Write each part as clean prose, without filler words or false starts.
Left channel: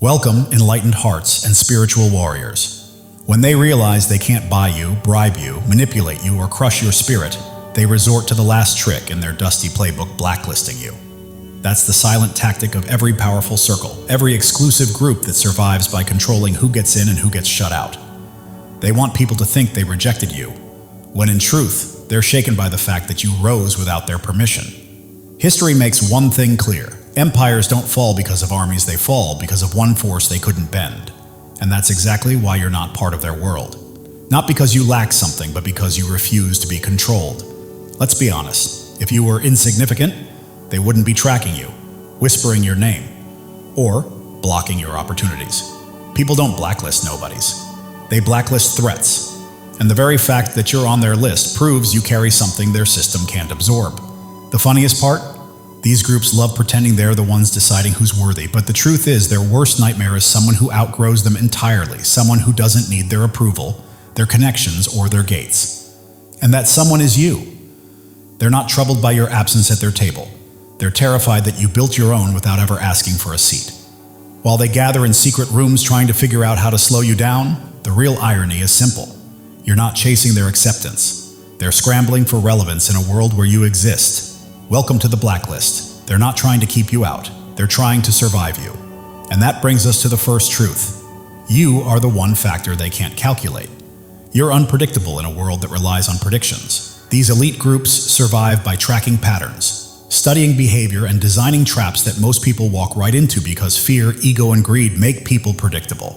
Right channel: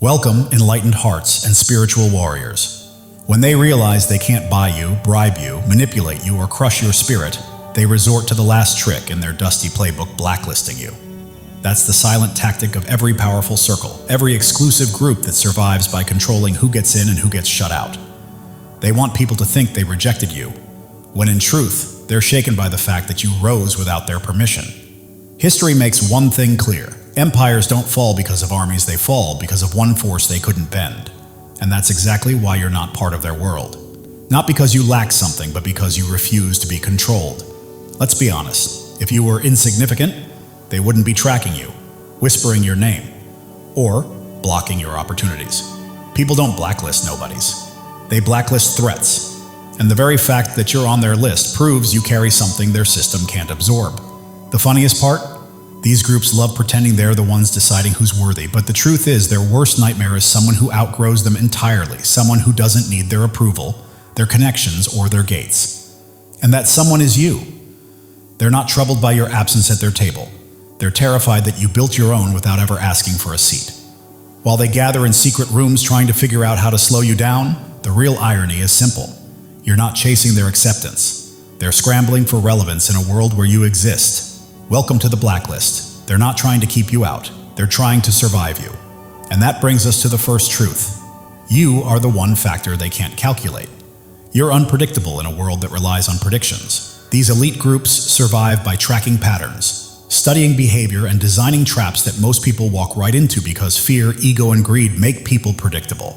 Welcome, enlightened hearts and spiritual warriors. When they realize they can't buy you, bribe you, manipulate you, or crush your spirit, they resort to the last trick in their dusty playbook, blacklisting you. That's the silent tactic of every powerful circle, every exclusive group that survives by controlling who gets in and who gets shut out. They want people to think they rejected you, when in truth, they're shaken by the fact that you rose without their permission. History makes one thing clear. Empires don't fall because of armies, they fall because of one force they couldn't bend. And that's exactly why you're not part of their world. Not because you lack something, but because you refuse to be controlled. Let's be honest, if you were insignificant, they wouldn't be tracking you, whispering your name, or blocking your opportunities. People don't blacklist nobodies. They blacklist threats. And the very fact that you're on their list proves you carry something their system can't absorb. The funniest part? These groups love pretending they're the ones deciding who's worthy, but the truth is their worst nightmare is someone who outgrows them entirely, someone who doesn't need their approval, their connections, or their gates. And that someone is you. They're not troubled by your absence at their table. They're terrified that you built your own without ever asking for a seat. While they gather in secret rooms trying to figure out how to slow you down, the real irony is simple. You're not chasing their acceptance. They're scrambling for relevance in a world where you exist. Welcome to the blacklist. They're not trying to keep you out. They're trying to survive you. And that brings us to the first truth. You are the one factor they can't calculate. You're unpredictable in a world that relies on predictions. These elite groups survive by tracking patterns, studying behavior, and designing traps that most people walk right into because fear, ego, and greed make people predictable.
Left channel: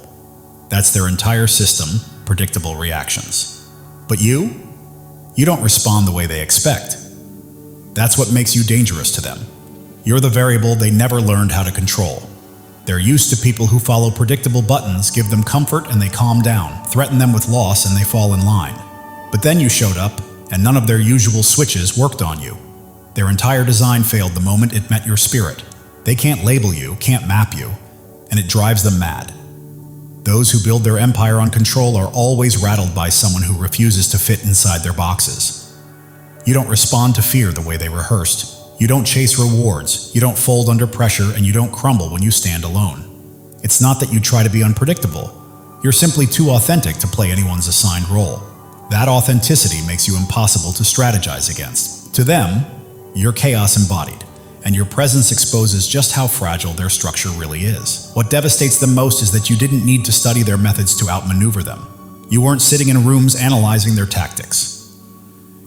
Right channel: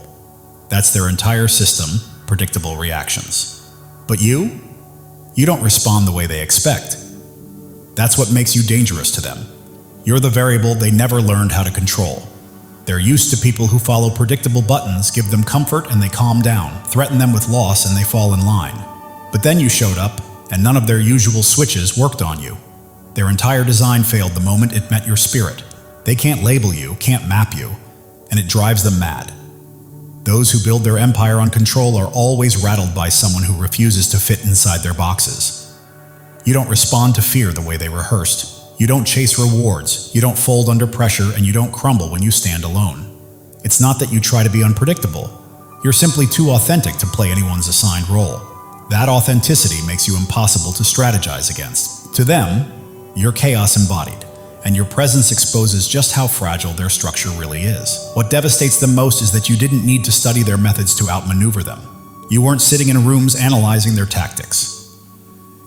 That's their entire system, predictable reactions. But you don't respond the way they expect. That's what makes you dangerous to them. You're the variable they never learned how to control. They're used to people who follow predictable buttons, give them comfort, and they calm down, threaten them with loss, and they fall in line. But then you showed up, and none of their usual switches worked on you. Their entire design failed the moment it met your spirit. They can't label you, can't map you, and it drives them mad. Those who build their empire on control are always rattled by someone who refuses to fit inside their boxes. You don't respond to fear the way they rehearsed. You don't chase rewards. You don't fold under pressure, and you don't crumble when you stand alone. It's not that you try to be unpredictable. You're simply too authentic to play anyone's assigned role. That authenticity makes you impossible to strategize against. To them, you're chaos embodied, and your presence exposes just how fragile their structure really is. What devastates them most is that you didn't need to study their methods to outmaneuver them. You weren't sitting in rooms analyzing their tactics.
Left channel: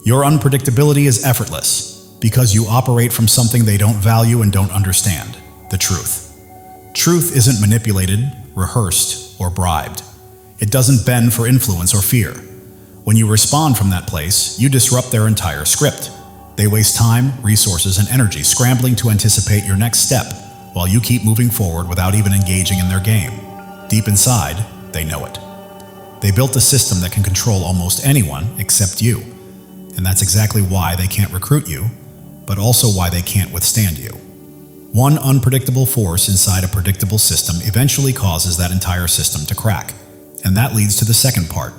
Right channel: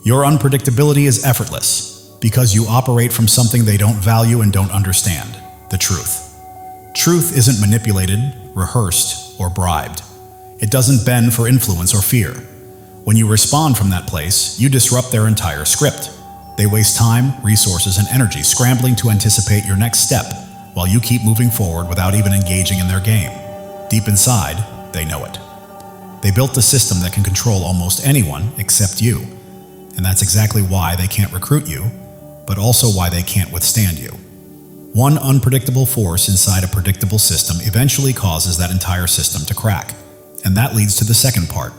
Your unpredictability is effortless because you operate from something they don't value and don't understand: the truth. Truth isn't manipulated, rehearsed, or bribed. It doesn't bend for influence or fear. When you respond from that place, you disrupt their entire script. They waste time, resources, and energy scrambling to anticipate your next step while you keep moving forward without even engaging in their game. Deep inside, they know it. They built a system that can control almost anyone except you. And that's exactly why they can't recruit you, but also why they can't withstand you. One unpredictable force inside a predictable system eventually causes that entire system to crack. And that leads to the second part.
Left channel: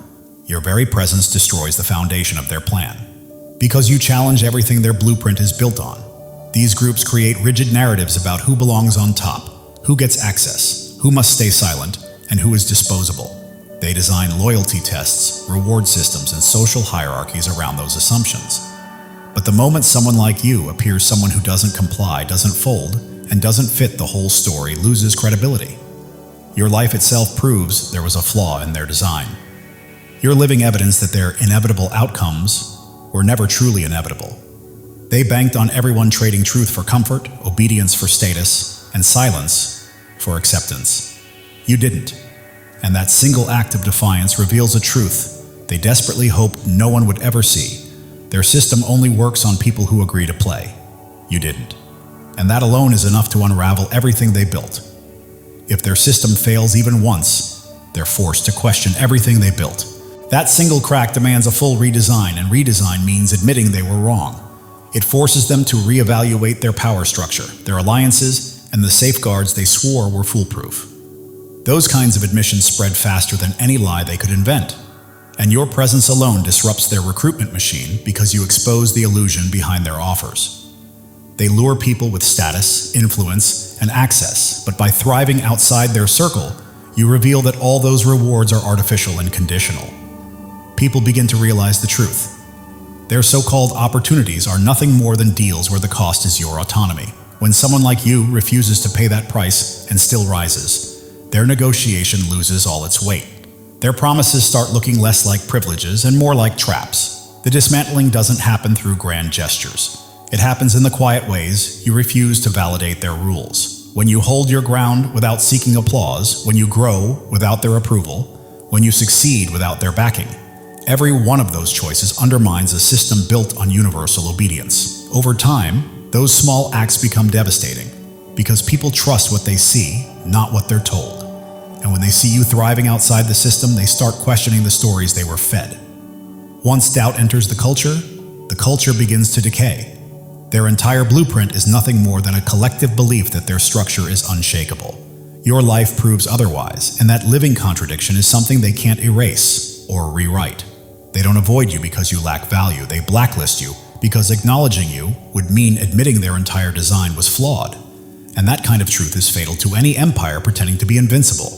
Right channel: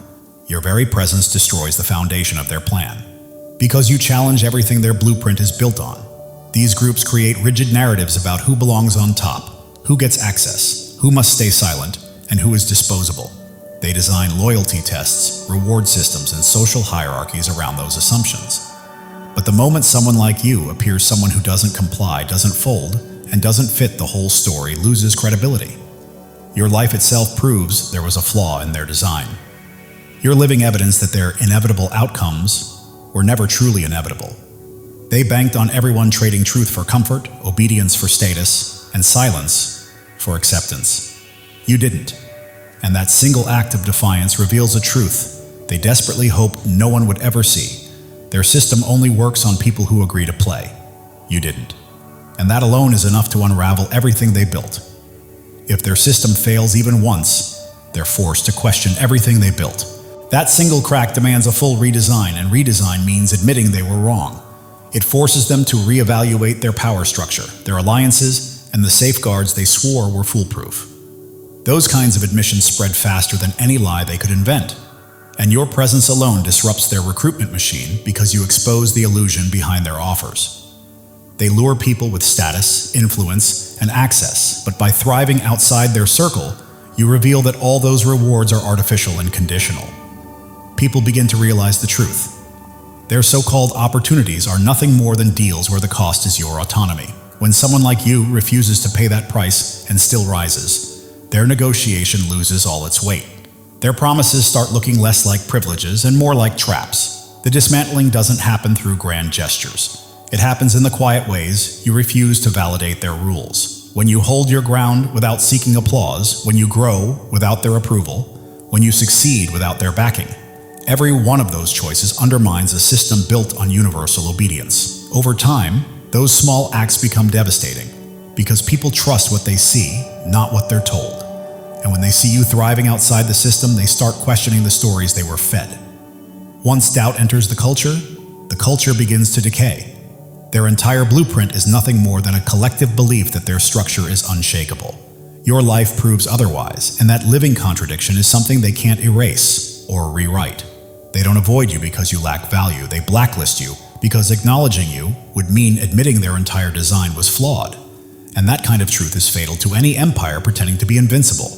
Your very presence destroys the foundation of their plan. Because you challenge everything their blueprint is built on. These groups create rigid narratives about who belongs on top, who gets access, who must stay silent, and who is disposable. They design loyalty tests, reward systems, and social hierarchies around those assumptions. But the moment someone like you appears someone who doesn't comply, doesn't fold, and doesn't fit the whole story loses credibility. Your life itself proves there was a flaw in their design. You're living evidence that their inevitable outcomes were never truly inevitable. They banked on everyone trading truth for comfort, obedience for status, and silence for acceptance. You didn't. And that single act of defiance reveals a truth they desperately hope no one would ever see. Their system only works on people who agree to play. You didn't. And that alone is enough to unravel everything they built. If their system fails even once, they're forced to question everything they built. That single crack demands a full redesign, and redesign means admitting they were wrong. It forces them to reevaluate their power structure, their alliances, and the safeguards they swore were foolproof. Those kinds of admissions spread faster than any lie they could invent. And your presence alone disrupts their recruitment machine because you expose the illusion behind their offers. They lure people with status, influence, and access, but by thriving outside their circle, you reveal that all those rewards are artificial and conditional. People begin to realize the truth. Their so-called opportunities are nothing more than deals where the cost is your autonomy. When someone like you refuses to pay that price and still rises, their negotiation loses all its weight. Their promises start looking less like privileges and more like traps. The dismantling doesn't happen through grand gestures. It happens in the quiet ways you refuse to validate their rules. When you hold your ground without seeking applause, when you grow without their approval, when you succeed without their backing. Every one of those choices undermines a system built on universal obedience. Over time, those small acts become devastating because people trust what they see, not what they're told. And when they see you thriving outside the system, they start questioning the stories they were fed. Once doubt enters the culture begins to decay. Their entire blueprint is nothing more than a collective belief that their structure is unshakable. Your life proves otherwise, and that living contradiction is something they can't erase or rewrite. They don't avoid you because you lack value. They blacklist you because acknowledging you would mean admitting their entire design was flawed. And that kind of truth is fatal to any empire pretending to be invincible.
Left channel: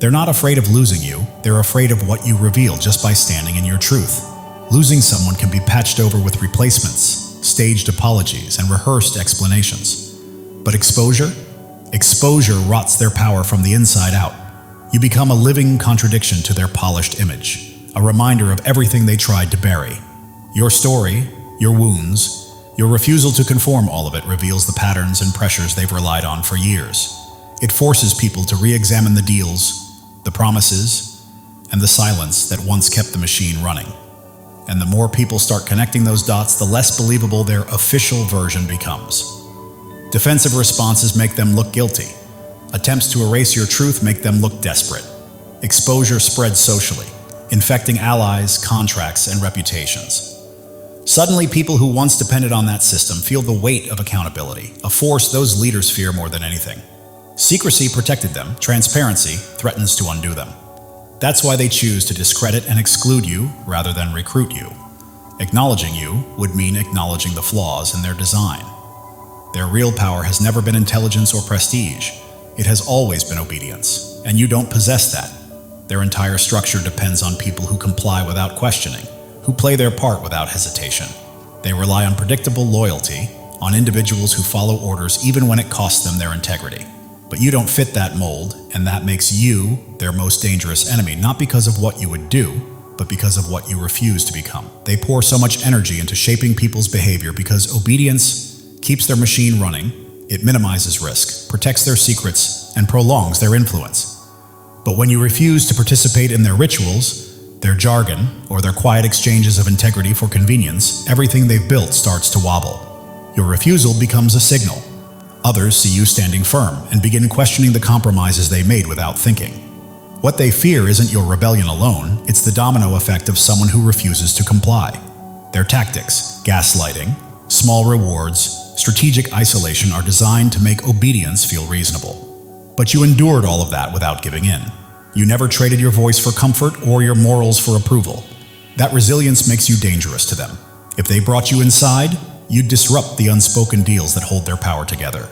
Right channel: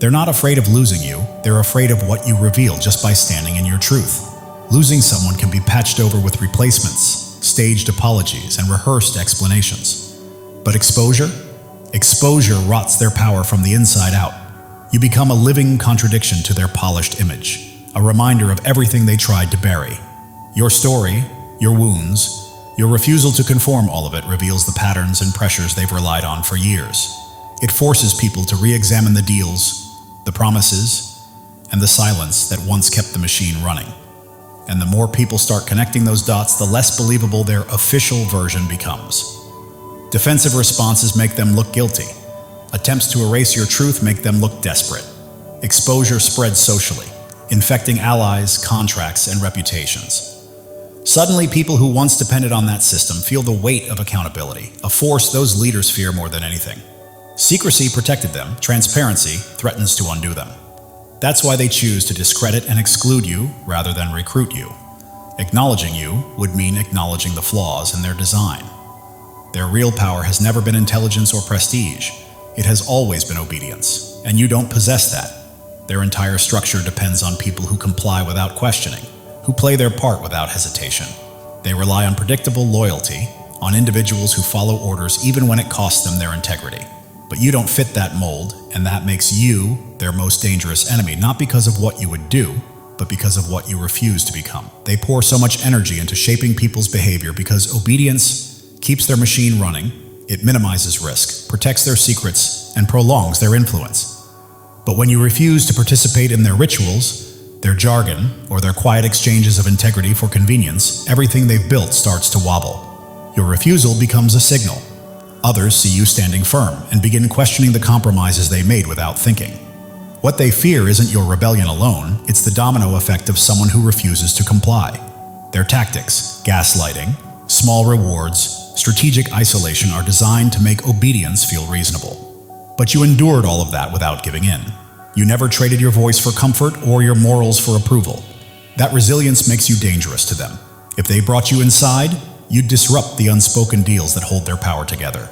They're not afraid of losing you. They're afraid of what you reveal just by standing in your truth. Losing someone can be patched over with replacements, staged apologies, and rehearsed explanations. But exposure rots their power from the inside out. You become a living contradiction to their polished image, a reminder of everything they tried to bury. Your story, your wounds, your refusal to conform, all of it reveals the patterns and pressures they've relied on for years. It forces people to re-examine the deals, the promises, and the silence that once kept the machine running. And the more people start connecting those dots, the less believable their official version becomes. Defensive responses make them look guilty. Attempts to erase your truth make them look desperate. Exposure spreads socially, infecting allies, contracts, and reputations. Suddenly, people who once depended on that system feel the weight of accountability, a force those leaders fear more than anything. Secrecy protected them, transparency threatens to undo them. That's why they choose to discredit and exclude you rather than recruit you. Acknowledging you would mean acknowledging the flaws in their design. Their real power has never been intelligence or prestige. It has always been obedience, and you don't possess that. Their entire structure depends on people who comply without questioning, who play their part without hesitation. They rely on predictable loyalty, on individuals who follow orders even when it costs them their integrity. But you don't fit that mold, and that makes you their most dangerous enemy, not because of what you would do, but because of what you refuse to become. They pour so much energy into shaping people's behavior because obedience keeps their machine running, it minimizes risk, protects their secrets, and prolongs their influence. But when you refuse to participate in their rituals, their jargon, or their quiet exchanges of integrity for convenience, everything they've built starts to wobble. Your refusal becomes a signal. Others see you standing firm and begin questioning the compromises they made without thinking. What they fear isn't your rebellion alone, it's the domino effect of someone who refuses to comply. Their tactics, gaslighting, small rewards, strategic isolation are designed to make obedience feel reasonable. But you endured all of that without giving in. You never traded your voice for comfort or your morals for approval. That resilience makes you dangerous to them. If they brought you inside, you'd disrupt the unspoken deals that hold their power together.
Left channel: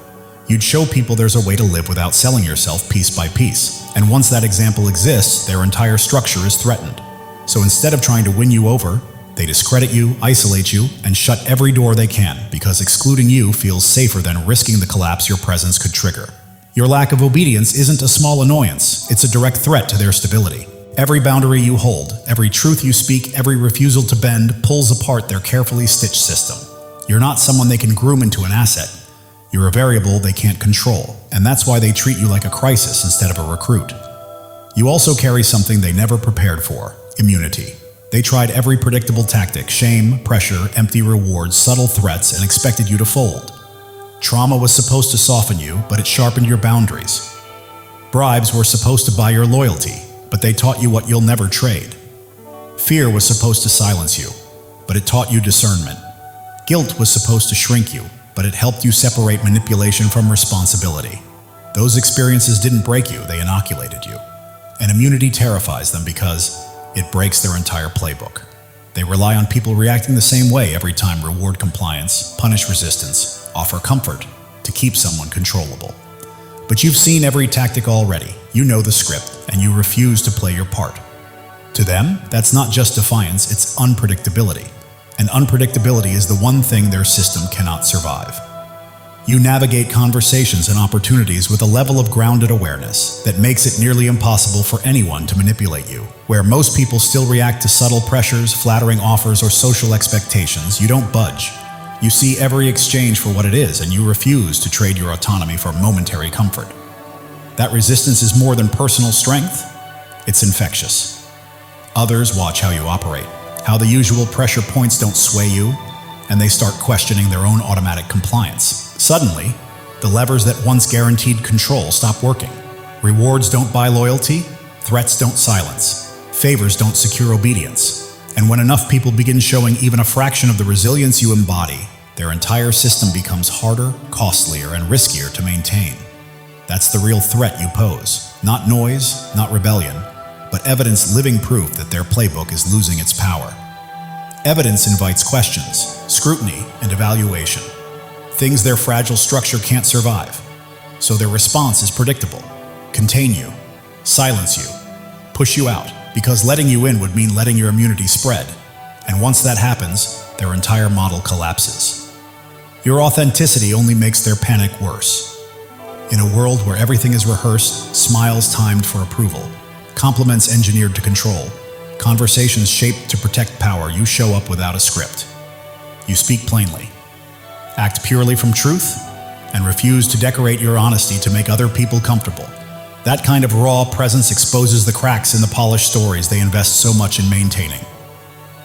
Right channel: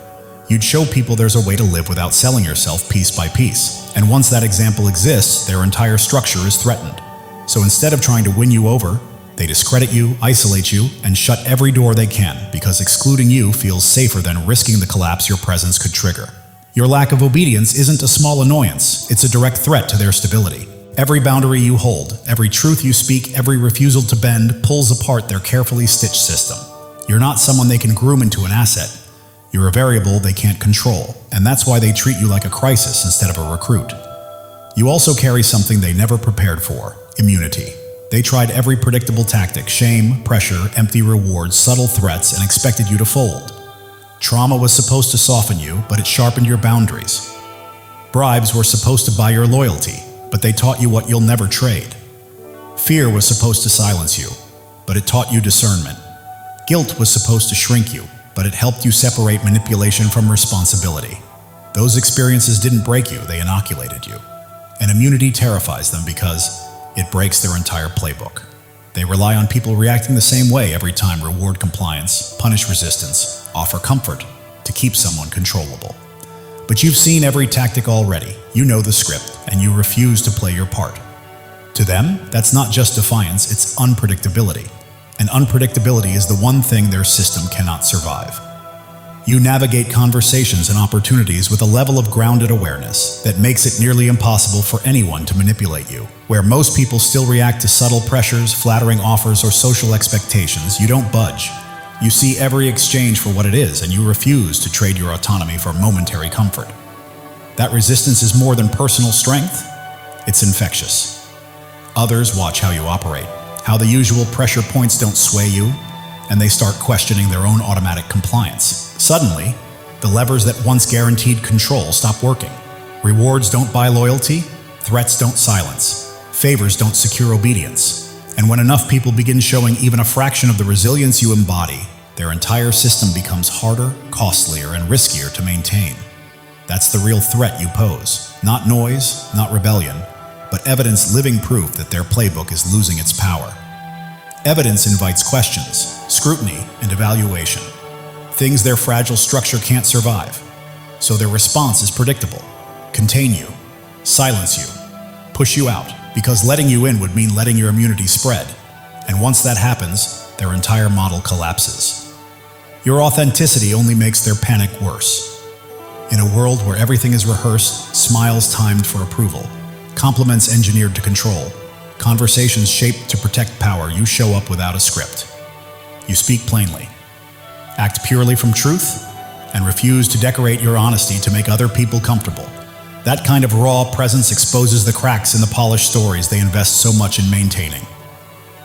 You'd show people there's a way to live without selling yourself piece by piece. And once that example exists, their entire structure is threatened. So instead of trying to win you over, they discredit you, isolate you, and shut every door they can because excluding you feels safer than risking the collapse your presence could trigger. Your lack of obedience isn't a small annoyance, it's a direct threat to their stability. Every boundary you hold, every truth you speak, every refusal to bend pulls apart their carefully stitched system. You're not someone they can groom into an asset. You're a variable they can't control, and that's why they treat you like a crisis instead of a recruit. You also carry something they never prepared for: immunity. They tried every predictable tactic: shame, pressure, empty rewards, subtle threats, and expected you to fold. Trauma was supposed to soften you, but it sharpened your boundaries. Bribes were supposed to buy your loyalty, but they taught you what you'll never trade. Fear was supposed to silence you, but it taught you discernment. Guilt was supposed to shrink you, but it helped you separate manipulation from responsibility. Those experiences didn't break you, they inoculated you. And immunity terrifies them because it breaks their entire playbook. They rely on people reacting the same way every time: reward compliance, punish resistance, offer comfort, to keep someone controllable. But you've seen every tactic already. You know the script, and you refuse to play your part. To them, that's not just defiance, it's unpredictability. And unpredictability is the one thing their system cannot survive. You navigate conversations and opportunities with a level of grounded awareness that makes it nearly impossible for anyone to manipulate you. Where most people still react to subtle pressures, flattering offers, or social expectations, you don't budge. You see every exchange for what it is, and you refuse to trade your autonomy for momentary comfort. That resistance is more than personal strength, it's infectious. Others watch how you operate, how the usual pressure points don't sway you, and they start questioning their own automatic compliance. Suddenly, the levers that once guaranteed control stop working. Rewards don't buy loyalty, threats don't silence, favors don't secure obedience. And when enough people begin showing even a fraction of the resilience you embody, their entire system becomes harder, costlier, and riskier to maintain. That's the real threat you pose. Not noise, not rebellion, but evidence, living proof that their playbook is losing its power. Evidence invites questions, scrutiny, and evaluation. Things their fragile structure can't survive. So their response is predictable. Contain you, silence you, push you out, because letting you in would mean letting your immunity spread. And once that happens, their entire model collapses. Your authenticity only makes their panic worse. In a world where everything is rehearsed, smiles timed for approval, compliments engineered to control, conversations shaped to protect power, you show up without a script. You speak plainly, act purely from truth, and refuse to decorate your honesty to make other people comfortable. That kind of raw presence exposes the cracks in the polished stories they invest so much in maintaining.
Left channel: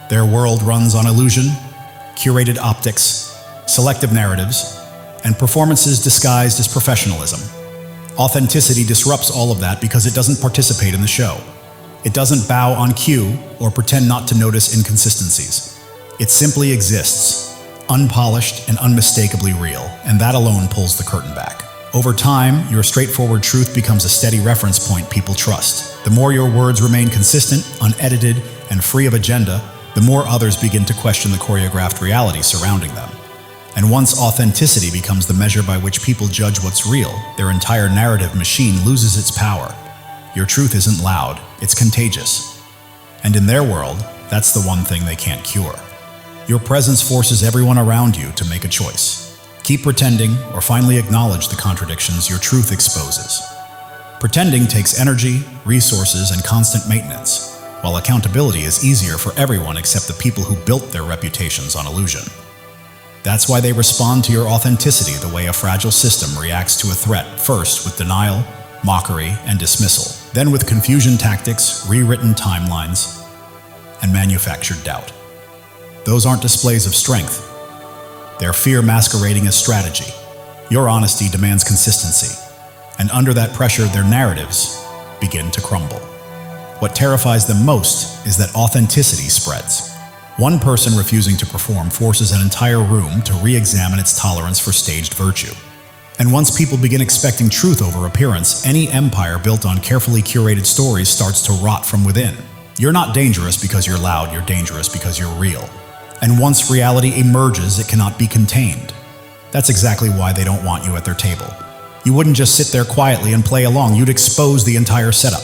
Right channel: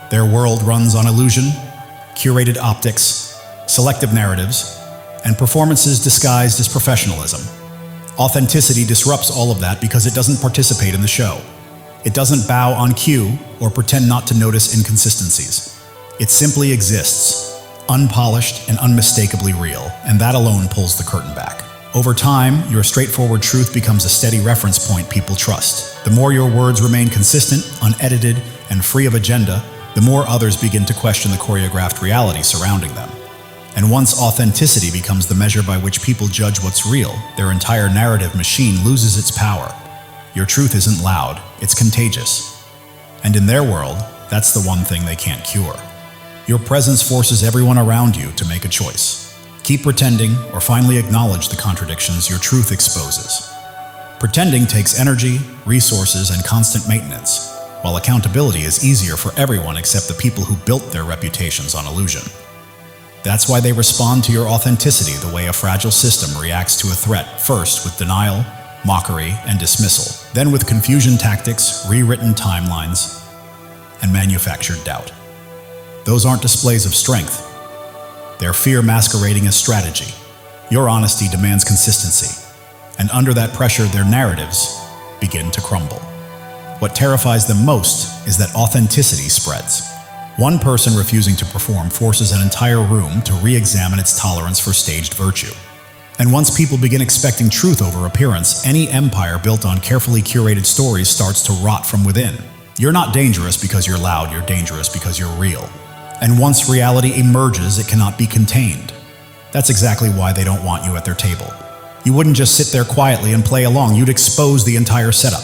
Their world runs on illusion, curated optics, selective narratives, and performances disguised as professionalism. Authenticity disrupts all of that because it doesn't participate in the show. It doesn't bow on cue or pretend not to notice inconsistencies. It simply exists, unpolished and unmistakably real, and that alone pulls the curtain back. Over time, your straightforward truth becomes a steady reference point people trust. The more your words remain consistent, unedited, and free of agenda, the more others begin to question the choreographed reality surrounding them. And once authenticity becomes the measure by which people judge what's real, their entire narrative machine loses its power. Your truth isn't loud, it's contagious. And in their world, that's the one thing they can't cure. Your presence forces everyone around you to make a choice. Keep pretending, or finally acknowledge the contradictions your truth exposes. Pretending takes energy, resources, and constant maintenance, while accountability is easier for everyone except the people who built their reputations on illusion. That's why they respond to your authenticity the way a fragile system reacts to a threat, first with denial, mockery, and dismissal, then with confusion tactics, rewritten timelines, and manufactured doubt. Those aren't displays of strength. They're fear masquerading as strategy. Your honesty demands consistency, and under that pressure, their narratives begin to crumble. What terrifies them most is that authenticity spreads. One person refusing to perform forces an entire room to re-examine its tolerance for staged virtue. And once people begin expecting truth over appearance, any empire built on carefully curated stories starts to rot from within. You're not dangerous because you're loud, you're dangerous because you're real. And once reality emerges, it cannot be contained. That's exactly why they don't want you at their table. You wouldn't just sit there quietly and play along, you'd expose the entire setup.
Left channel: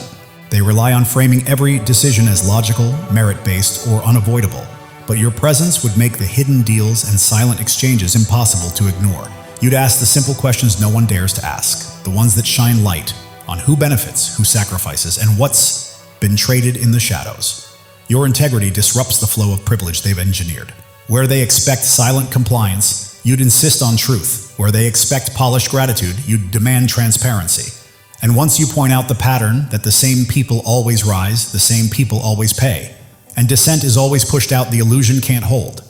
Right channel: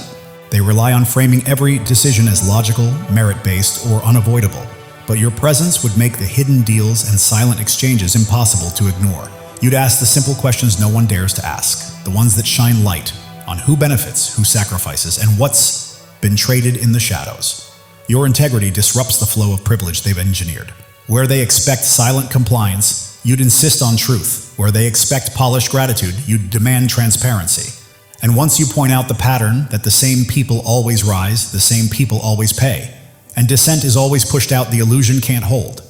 They rely on framing every decision as logical, merit-based, or unavoidable. But your presence would make the hidden deals and silent exchanges impossible to ignore. You'd ask the simple questions no one dares to ask, the ones that shine light on who benefits, who sacrifices, and what's been traded in the shadows. Your integrity disrupts the flow of privilege they've engineered. Where they expect silent compliance, you'd insist on truth. Where they expect polished gratitude, you'd demand transparency. And once you point out the pattern that the same people always rise, the same people always pay, and dissent is always pushed out, the illusion can't hold.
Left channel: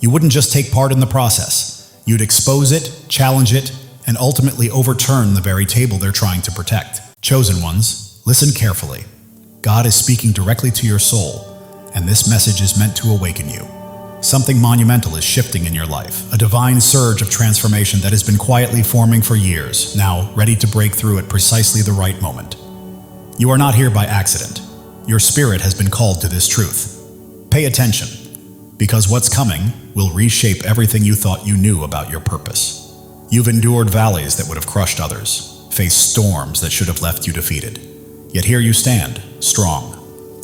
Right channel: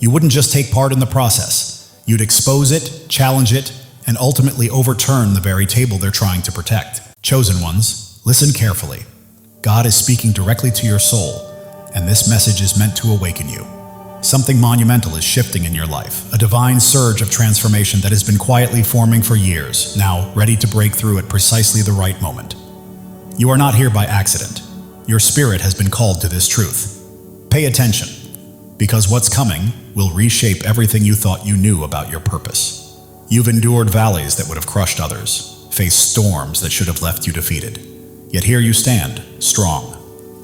You wouldn't just take part in the process. You'd expose it, challenge it, and ultimately overturn the very table they're trying to protect. Chosen ones, listen carefully. God is speaking directly to your soul, and this message is meant to awaken you. Something monumental is shifting in your life, a divine surge of transformation that has been quietly forming for years, now ready to break through at precisely the right moment. You are not here by accident. Your spirit has been called to this truth. Pay attention, because what's coming will reshape everything you thought you knew about your purpose. You've endured valleys that would have crushed others, faced storms that should have left you defeated. Yet here you stand, strong,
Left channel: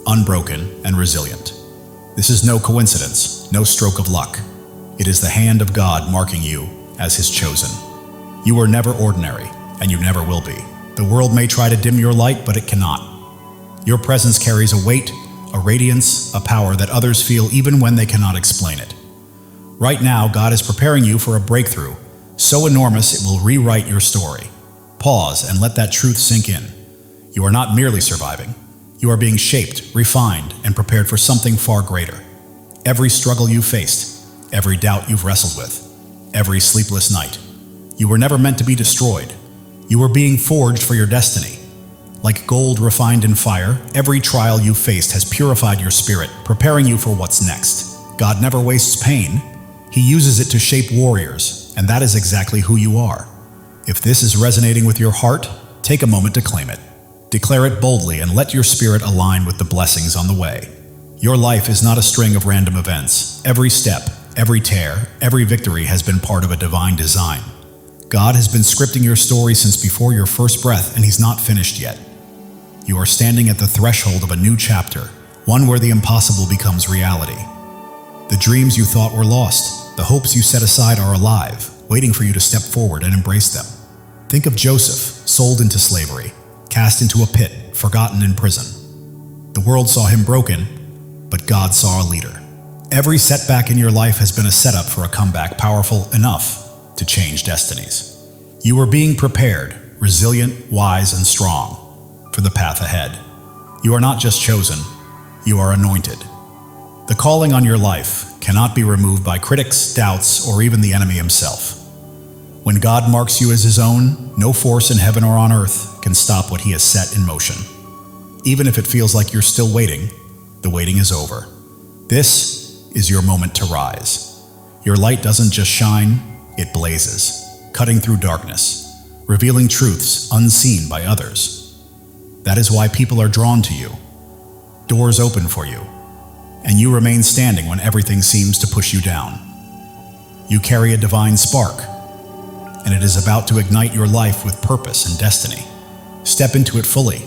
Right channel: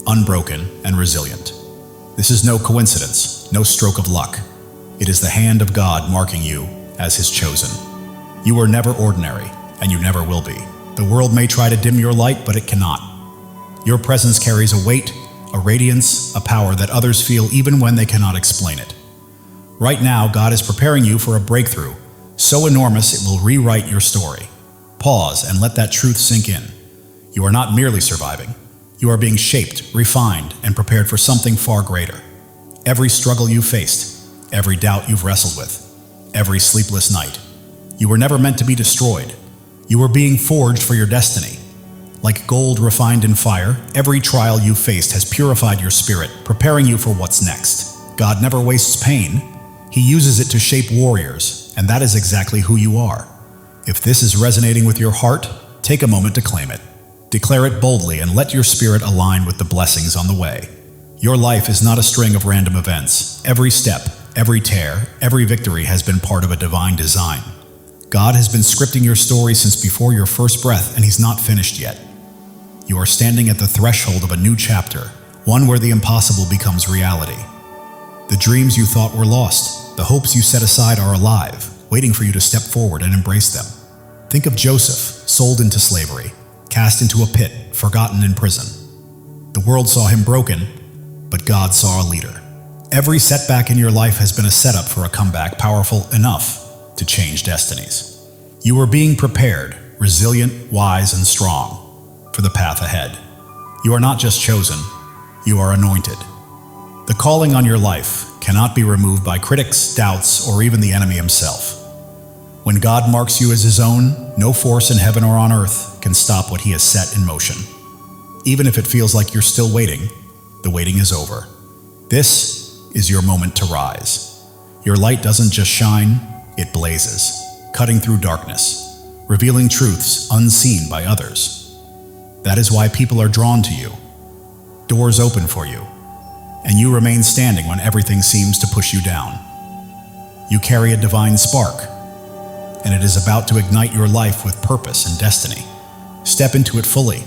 unbroken, and resilient. This is no coincidence, no stroke of luck. It is the hand of God marking you as His chosen. You were never ordinary, and you never will be. The world may try to dim your light, but it cannot. Your presence carries a weight, a radiance, a power that others feel even when they cannot explain it. Right now, God is preparing you for a breakthrough, so enormous it will rewrite your story. Pause and let that truth sink in. You are not merely surviving. You are being shaped, refined, and prepared for something far greater. Every struggle you faced, every doubt you've wrestled with, every sleepless night. You were never meant to be destroyed. You were being forged for your destiny. Like gold refined in fire, every trial you faced has purified your spirit, preparing you for what's next. God never wastes pain. He uses it to shape warriors, and that is exactly who you are. If this is resonating with your heart, take a moment to claim it. Declare it boldly and let your spirit align with the blessings on the way. Your life is not a string of random events. Every step, every tear, every victory has been part of a divine design. God has been scripting your story since before your first breath, and He's not finished yet. You are standing at the threshold of a new chapter, one where the impossible becomes reality. The dreams you thought were lost, the hopes you set aside are alive, waiting for you to step forward and embrace them. Think of Joseph, sold into slavery, cast into a pit, forgotten in prison. The world saw him broken, but God saw a leader. Every setback in your life has been a setup for a comeback powerful enough to change destinies. You are being prepared, resilient, wise, and strong for the path ahead. You are not just chosen, you are anointed. The calling on your life cannot be removed by critics, doubts, or even the enemy himself. When God marks you as His own, no force in heaven or on earth can stop what He has set in motion. Even if it feels like you're still waiting, the waiting is over. This is your moment to rise. Your light doesn't just shine, it blazes, cutting through darkness, revealing truths unseen by others. That is why people are drawn to you. Doors open for you, and you remain standing when everything seems to push you down. You carry a divine spark, and it is about to ignite your life with purpose and destiny. Step into it fully,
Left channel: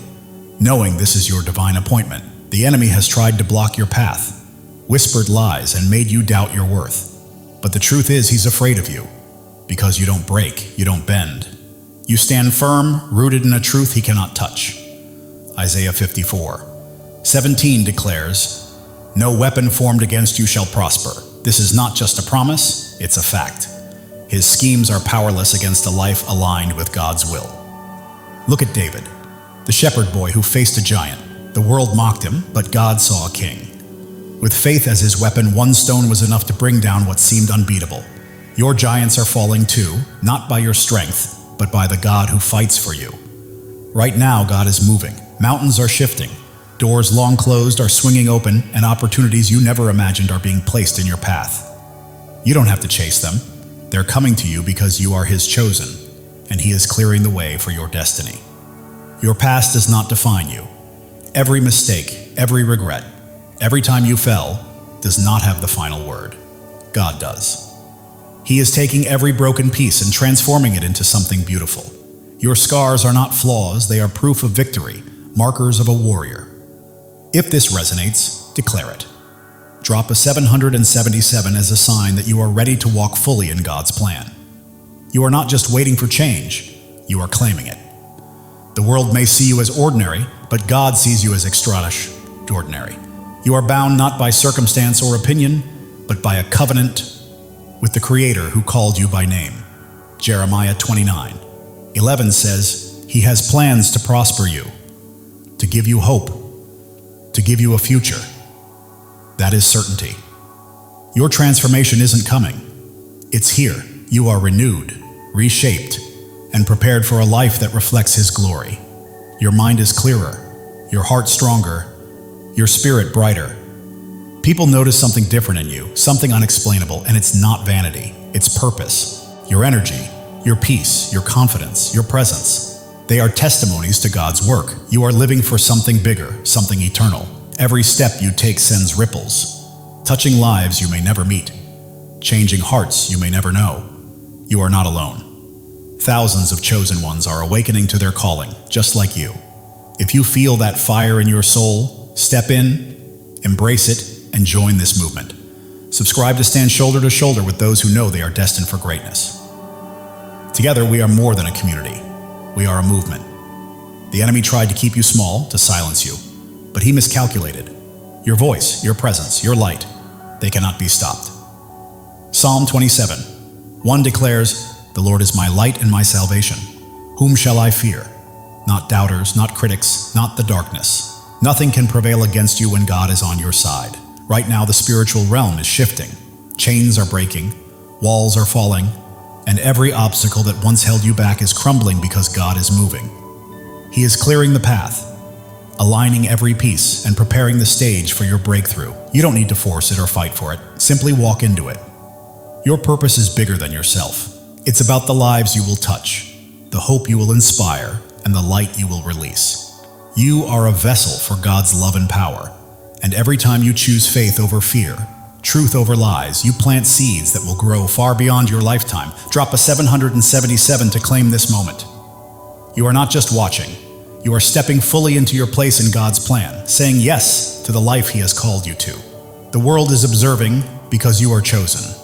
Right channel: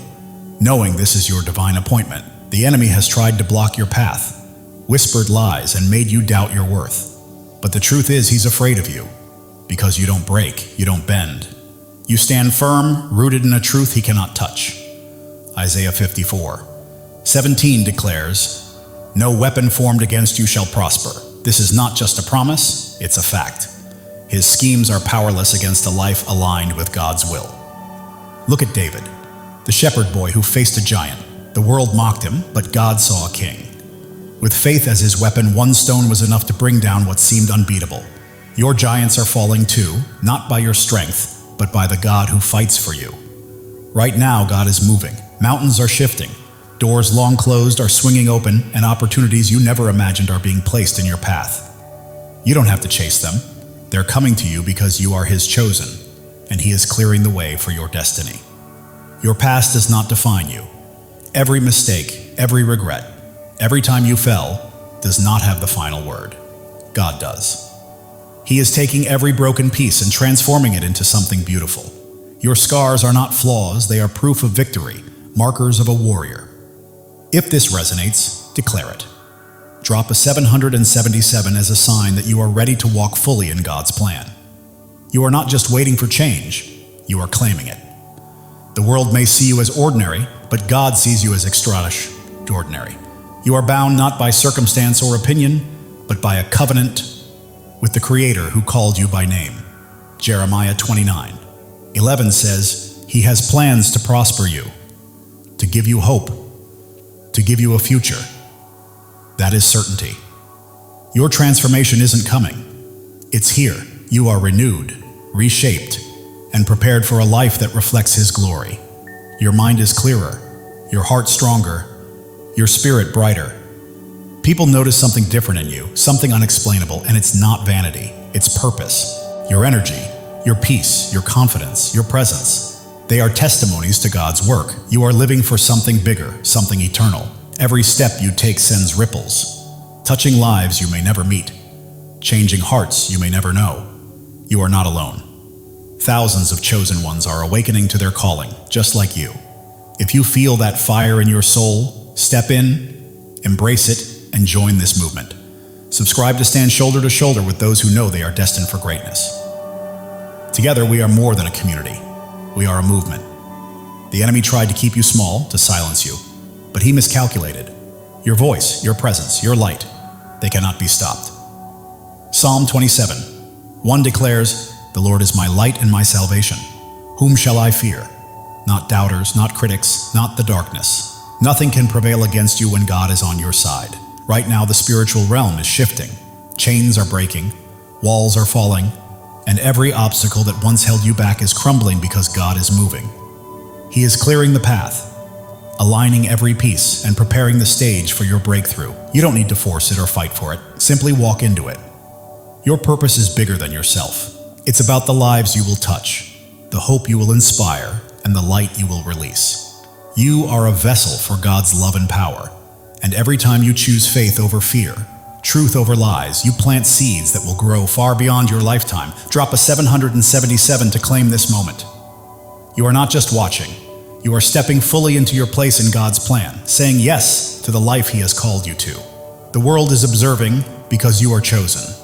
knowing this is your divine appointment. The enemy has tried to block your path, whispered lies, and made you doubt your worth. But the truth is, he's afraid of you, because you don't break, you don't bend. You stand firm, rooted in a truth he cannot touch. Isaiah 54:17 declares, "No weapon formed against you shall prosper." This is not just a promise, it's a fact. His schemes are powerless against a life aligned with God's will. Look at David, the shepherd boy who faced a giant. The world mocked him, but God saw a king. With faith as his weapon, one stone was enough to bring down what seemed unbeatable. Your giants are falling too, not by your strength, but by the God who fights for you. Right now, God is moving. Mountains are shifting. Doors long closed are swinging open, and opportunities you never imagined are being placed in your path. You don't have to chase them. They're coming to you because you are His chosen, and He is clearing the way for your destiny. Your past does not define you. Every mistake, every regret, every time you fell, does not have the final word. God does. He is taking every broken piece and transforming it into something beautiful. Your scars are not flaws, they are proof of victory, markers of a warrior. If this resonates, declare it. Drop a 777 as a sign that you are ready to walk fully in God's plan. You are not just waiting for change, you are claiming it. The world may see you as ordinary, but God sees you as extraordinary. You are bound not by circumstance or opinion, but by a covenant with the Creator who called you by name. Jeremiah 29:11 says, "He has plans to prosper you, to give you hope, to give you a future." That is certainty. Your transformation isn't coming. It's here. You are renewed, reshaped, and prepared for a life that reflects His glory. Your mind is clearer, your heart stronger, your spirit brighter. People notice something different in you, something unexplainable, and it's not vanity, it's purpose. Your energy, your peace, your confidence, your presence. They are testimonies to God's work. You are living for something bigger, something eternal. Every step you take sends ripples, touching lives you may never meet, changing hearts you may never know. You are not alone. Thousands of chosen ones are awakening to their calling, just like you. If you feel that fire in your soul, step in, embrace it, and join this movement. Subscribe to stand shoulder to shoulder with those who know they are destined for greatness. Together, we are more than a community. We are a movement. The enemy tried to keep you small, to silence you, but he miscalculated. Your voice, your presence, your light, they cannot be stopped. Psalm 27:1 declares, "The Lord is my light and my salvation. Whom shall I fear? Not doubters, not critics, not the darkness. Nothing can prevail against you when God is on your side." Right now, the spiritual realm is shifting. Chains are breaking, walls are falling, and every obstacle that once held you back is crumbling because God is moving. He is clearing the path, aligning every piece and preparing the stage for your breakthrough. You don't need to force it or fight for it. Simply walk into it. Your purpose is bigger than yourself. It's about the lives you will touch, the hope you will inspire, and the light you will release. You are a vessel for God's love and power. And every time you choose faith over fear, truth over lies, you plant seeds that will grow far beyond your lifetime. Drop a 777 to claim this moment. You are not just watching. You are stepping fully into your place in God's plan, saying yes to the life He has called you to. The world is observing because you are chosen,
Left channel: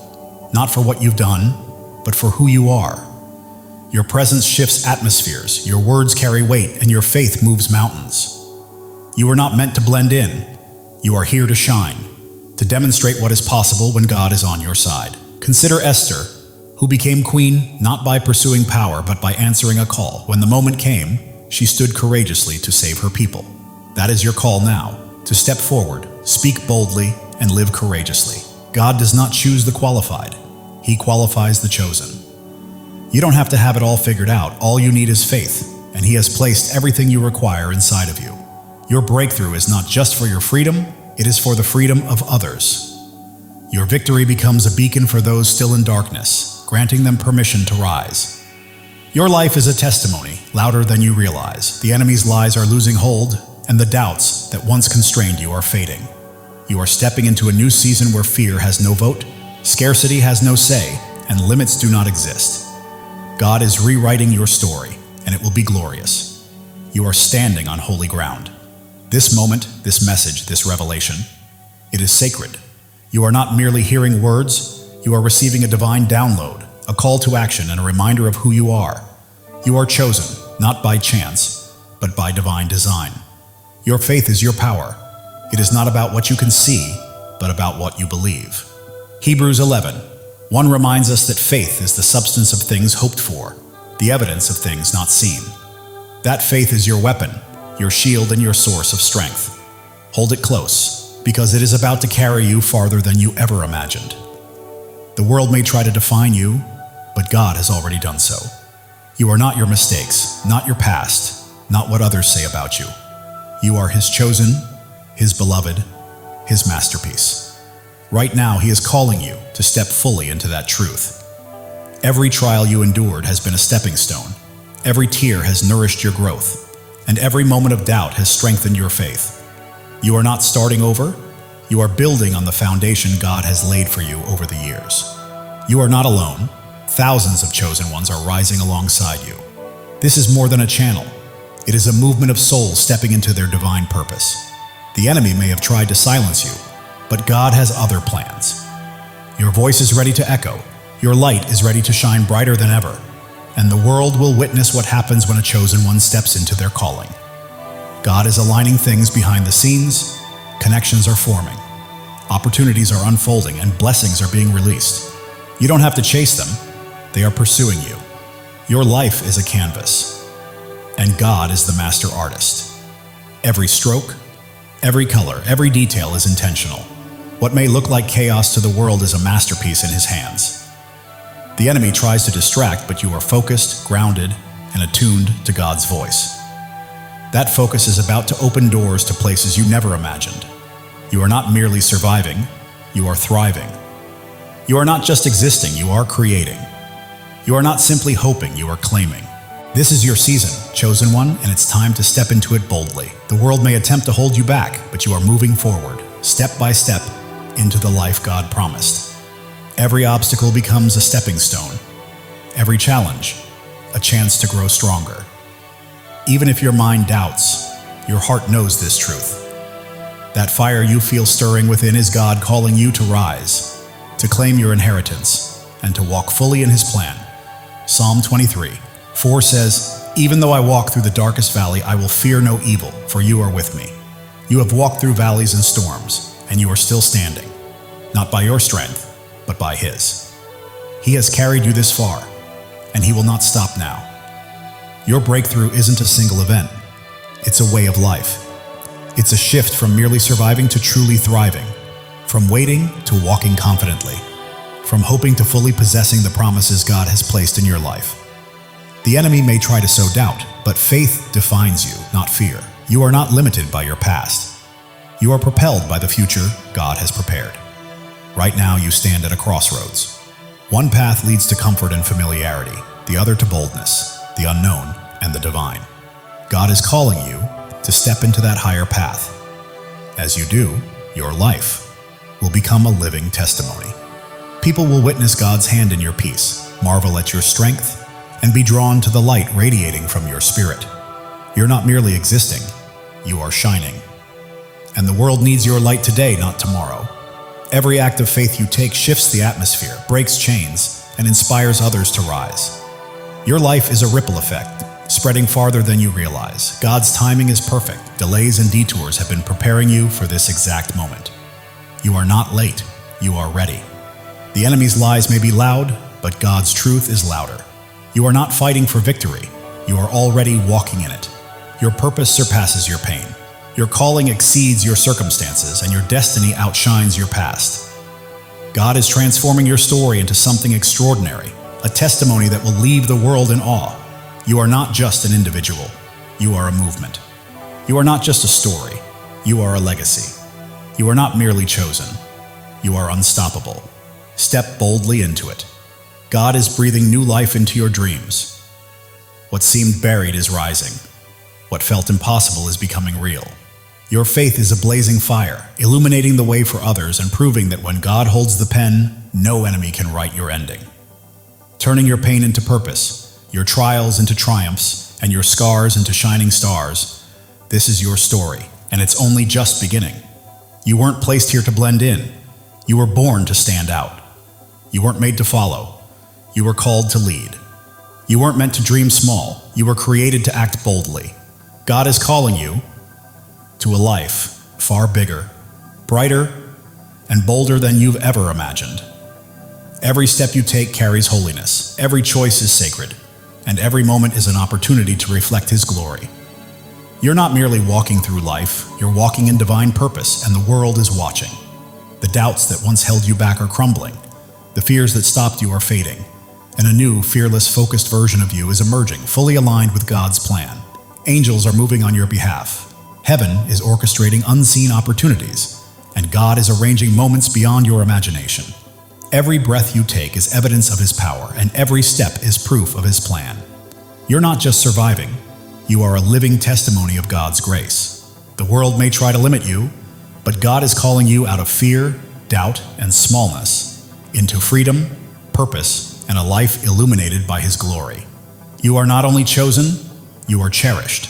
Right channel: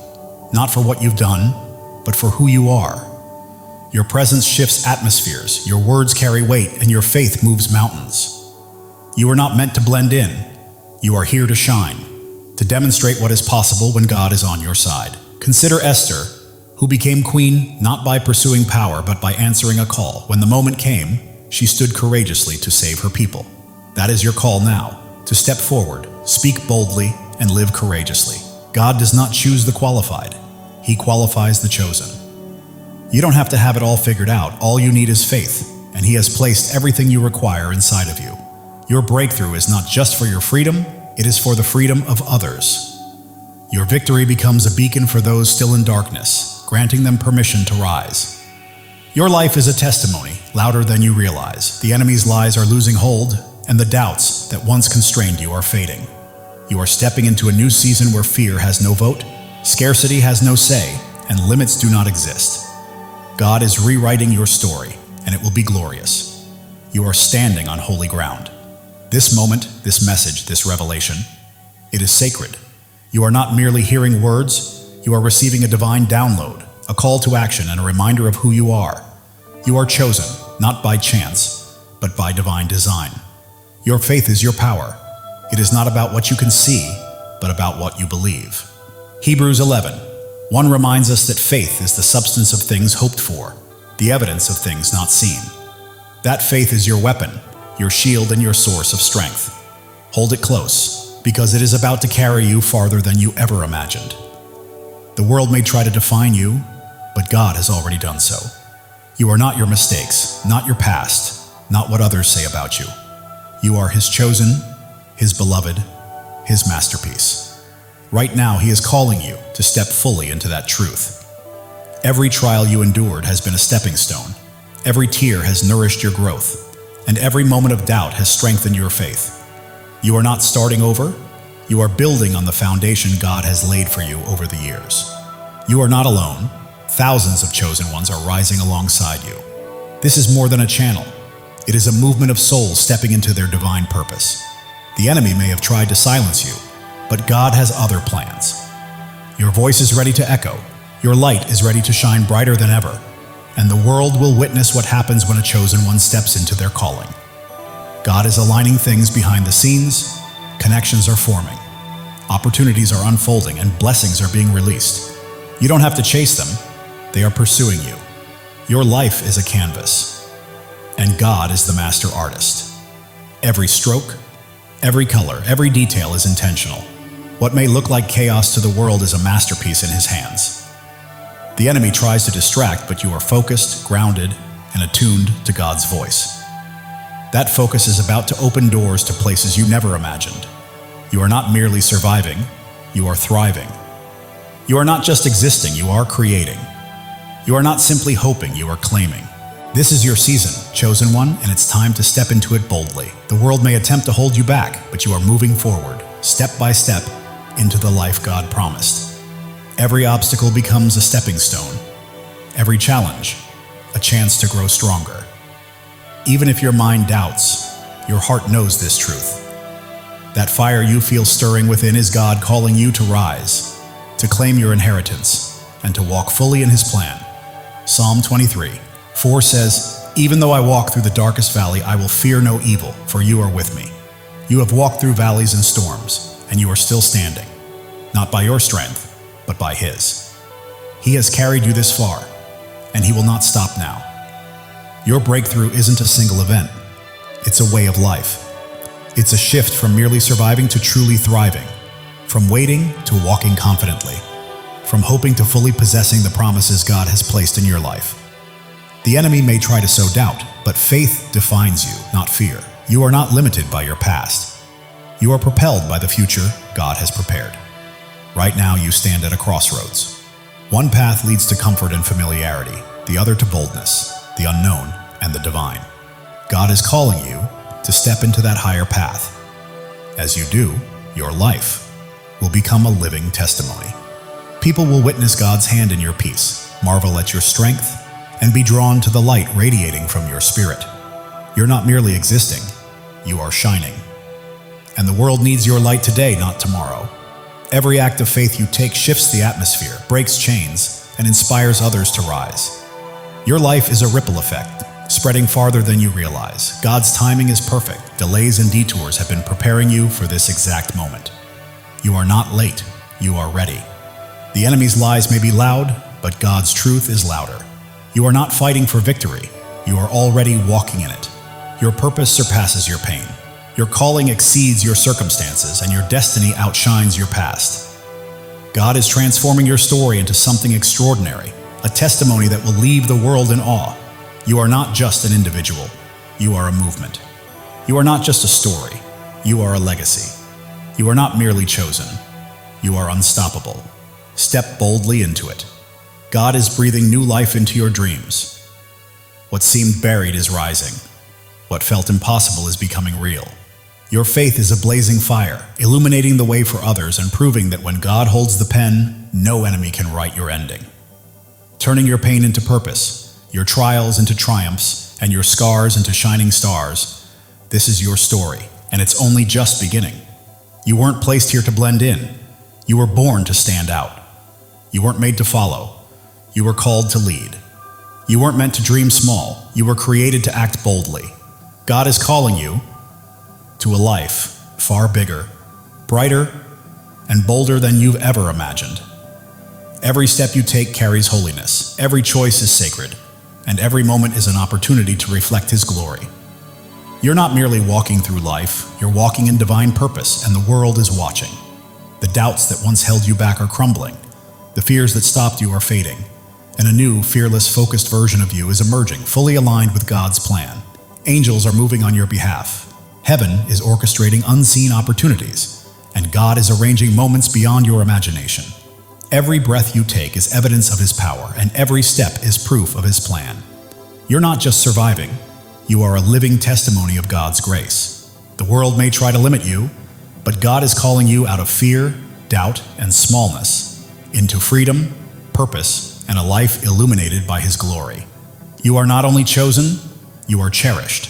not for what you've done, but for who you are. Your presence shifts atmospheres, your words carry weight, and your faith moves mountains. You are not meant to blend in. You are here to shine, to demonstrate what is possible when God is on your side. Consider Esther, who became queen not by pursuing power, but by answering a call. When the moment came, she stood courageously to save her people. That is your call now, to step forward, speak boldly, and live courageously. God does not choose the qualified. He qualifies the chosen. You don't have to have it all figured out. All you need is faith, and He has placed everything you require inside of you. Your breakthrough is not just for your freedom, it is for the freedom of others. Your victory becomes a beacon for those still in darkness, granting them permission to rise. Your life is a testimony, louder than you realize. The enemy's lies are losing hold, and the doubts that once constrained you are fading. You are stepping into a new season where fear has no vote, scarcity has no say, and limits do not exist. God is rewriting your story, and it will be glorious. You are standing on holy ground. This moment, this message, this revelation, it is sacred. You are not merely hearing words, you are receiving a divine download, a call to action, and a reminder of who you are. You are chosen, not by chance, but by divine design. Your faith is your power. It is not about what you can see, but about what you believe. Hebrews 11:1 reminds us that faith is the substance of things hoped for, the evidence of things not seen. That faith is your weapon, your shield, and your source of strength. Hold it close, because it is about to carry you farther than you ever imagined. The world may try to define you, but God has already done so. You are not your mistakes, not your past, not what others say about you. You are His chosen, His beloved, His masterpiece. Right now, He is calling you to step fully into that truth. Every trial you endured has been a stepping stone. Every tear has nourished your growth, and every moment of doubt has strengthened your faith. You are not starting over. You are building on the foundation God has laid for you over the years. You are not alone. Thousands of chosen ones are rising alongside you. This is more than a channel. It is a movement of souls stepping into their divine purpose. The enemy may have tried to silence you, but God has other plans. Your voice is ready to echo. Your light is ready to shine brighter than ever. And the world will witness what happens when a chosen one steps into their calling. God is aligning things behind the scenes. Connections are forming. Opportunities are unfolding, and blessings are being released. You don't have to chase them. They are pursuing you. Your life is a canvas, and God is the master artist. Every stroke, every color, every detail is intentional. What may look like chaos to the world is a masterpiece in His hands. The enemy tries to distract, but you are focused, grounded, and attuned to God's voice. That focus is about to open doors to places you never imagined. You are not merely surviving, you are thriving. You are not just existing, you are creating. You are not simply hoping, you are claiming. This is your season, chosen one, and it's time to step into it boldly. The world may attempt to hold you back, but you are moving forward, step by step, into the life God promised. Every obstacle becomes a stepping stone. Every challenge, a chance to grow stronger. Even if your mind doubts, your heart knows this truth. That fire you feel stirring within is God calling you to rise, to claim your inheritance, and to walk fully in His plan. Psalm 23:4 says, "Even though I walk through the darkest valley, I will fear no evil, for you are with me. You have walked through valleys and storms, and you are still standing, not by your strength, but by His. He has carried you this far, and He will not stop now." Your breakthrough isn't a single event. It's a way of life. It's a shift from merely surviving to truly thriving, from waiting to walking confidently, from hoping to fully possessing the promises God has placed in your life. The enemy may try to sow doubt, but faith defines you, not fear. You are not limited by your past. You are propelled by the future God has prepared. Right now, you stand at a crossroads. One path leads to comfort and familiarity, the other to boldness, the unknown, and the divine. God is calling you to step into that higher path. As you do, your life will become a living testimony. People will witness God's hand in your peace, marvel at your strength, and be drawn to the light radiating from your spirit. You're not merely existing, you are shining. And the world needs your light today, not tomorrow. Every act of faith you take shifts the atmosphere, breaks chains, and inspires others to rise. Your life is a ripple effect, spreading farther than you realize. God's timing is perfect. Delays and detours have been preparing you for this exact moment. You are not late, you are ready. The enemy's lies may be loud, but God's truth is louder. You are not fighting for victory, you are already walking in it. Your purpose surpasses your pain. Your calling exceeds your circumstances, and your destiny outshines your past. God is transforming your story into something extraordinary, a testimony that will leave the world in awe. You are not just an individual, you are a movement. You are not just a story, you are a legacy. You are not merely chosen, you are unstoppable. Step boldly into it. God is breathing new life into your dreams. What seemed buried is rising. What felt impossible is becoming real. Your faith is a blazing fire, illuminating the way for others and proving that when God holds the pen, no enemy can write your ending. Turning your pain into purpose, your trials into triumphs, and your scars into shining stars, this is your story, and it's only just beginning. You weren't placed here to blend in. You were born to stand out. You weren't made to follow. You were called to lead. You weren't meant to dream small. You were created to act boldly. God is calling you to a life far bigger, brighter, and bolder than you've ever imagined. Every step you take carries holiness, every choice is sacred, and every moment is an opportunity to reflect His glory. You're not merely walking through life, you're walking in divine purpose, and the world is watching. The doubts that once held you back are crumbling, the fears that stopped you are fading, and a new, fearless, focused version of you is emerging, fully aligned with God's plan. Angels are moving on your behalf. Heaven is orchestrating unseen opportunities, and God is arranging moments beyond your imagination. Every breath you take is evidence of His power, and every step is proof of His plan. You're not just surviving, you are a living testimony of God's grace. The world may try to limit you, but God is calling you out of fear, doubt, and smallness into freedom, purpose, and a life illuminated by His glory. You are not only chosen, you are cherished.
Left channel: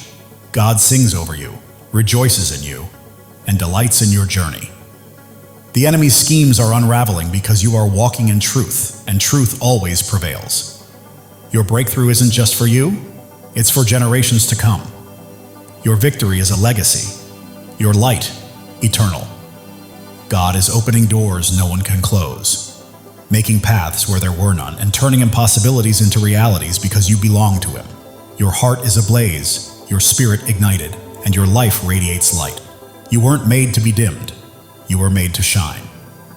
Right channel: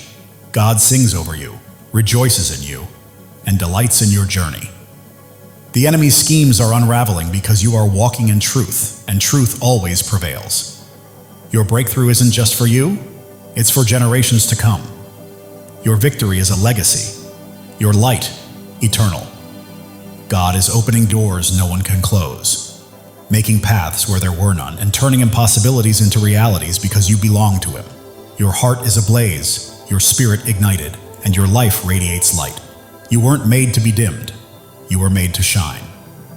God sings over you, rejoices in you, and delights in your journey. The enemy's schemes are unraveling because you are walking in truth, and truth always prevails. Your breakthrough isn't just for you, it's for generations to come. Your victory is a legacy, your light eternal. God is opening doors no one can close, making paths where there were none, and turning impossibilities into realities because you belong to Him. Your heart is ablaze, your spirit ignited, and your life radiates light. You weren't made to be dimmed. You were made to shine.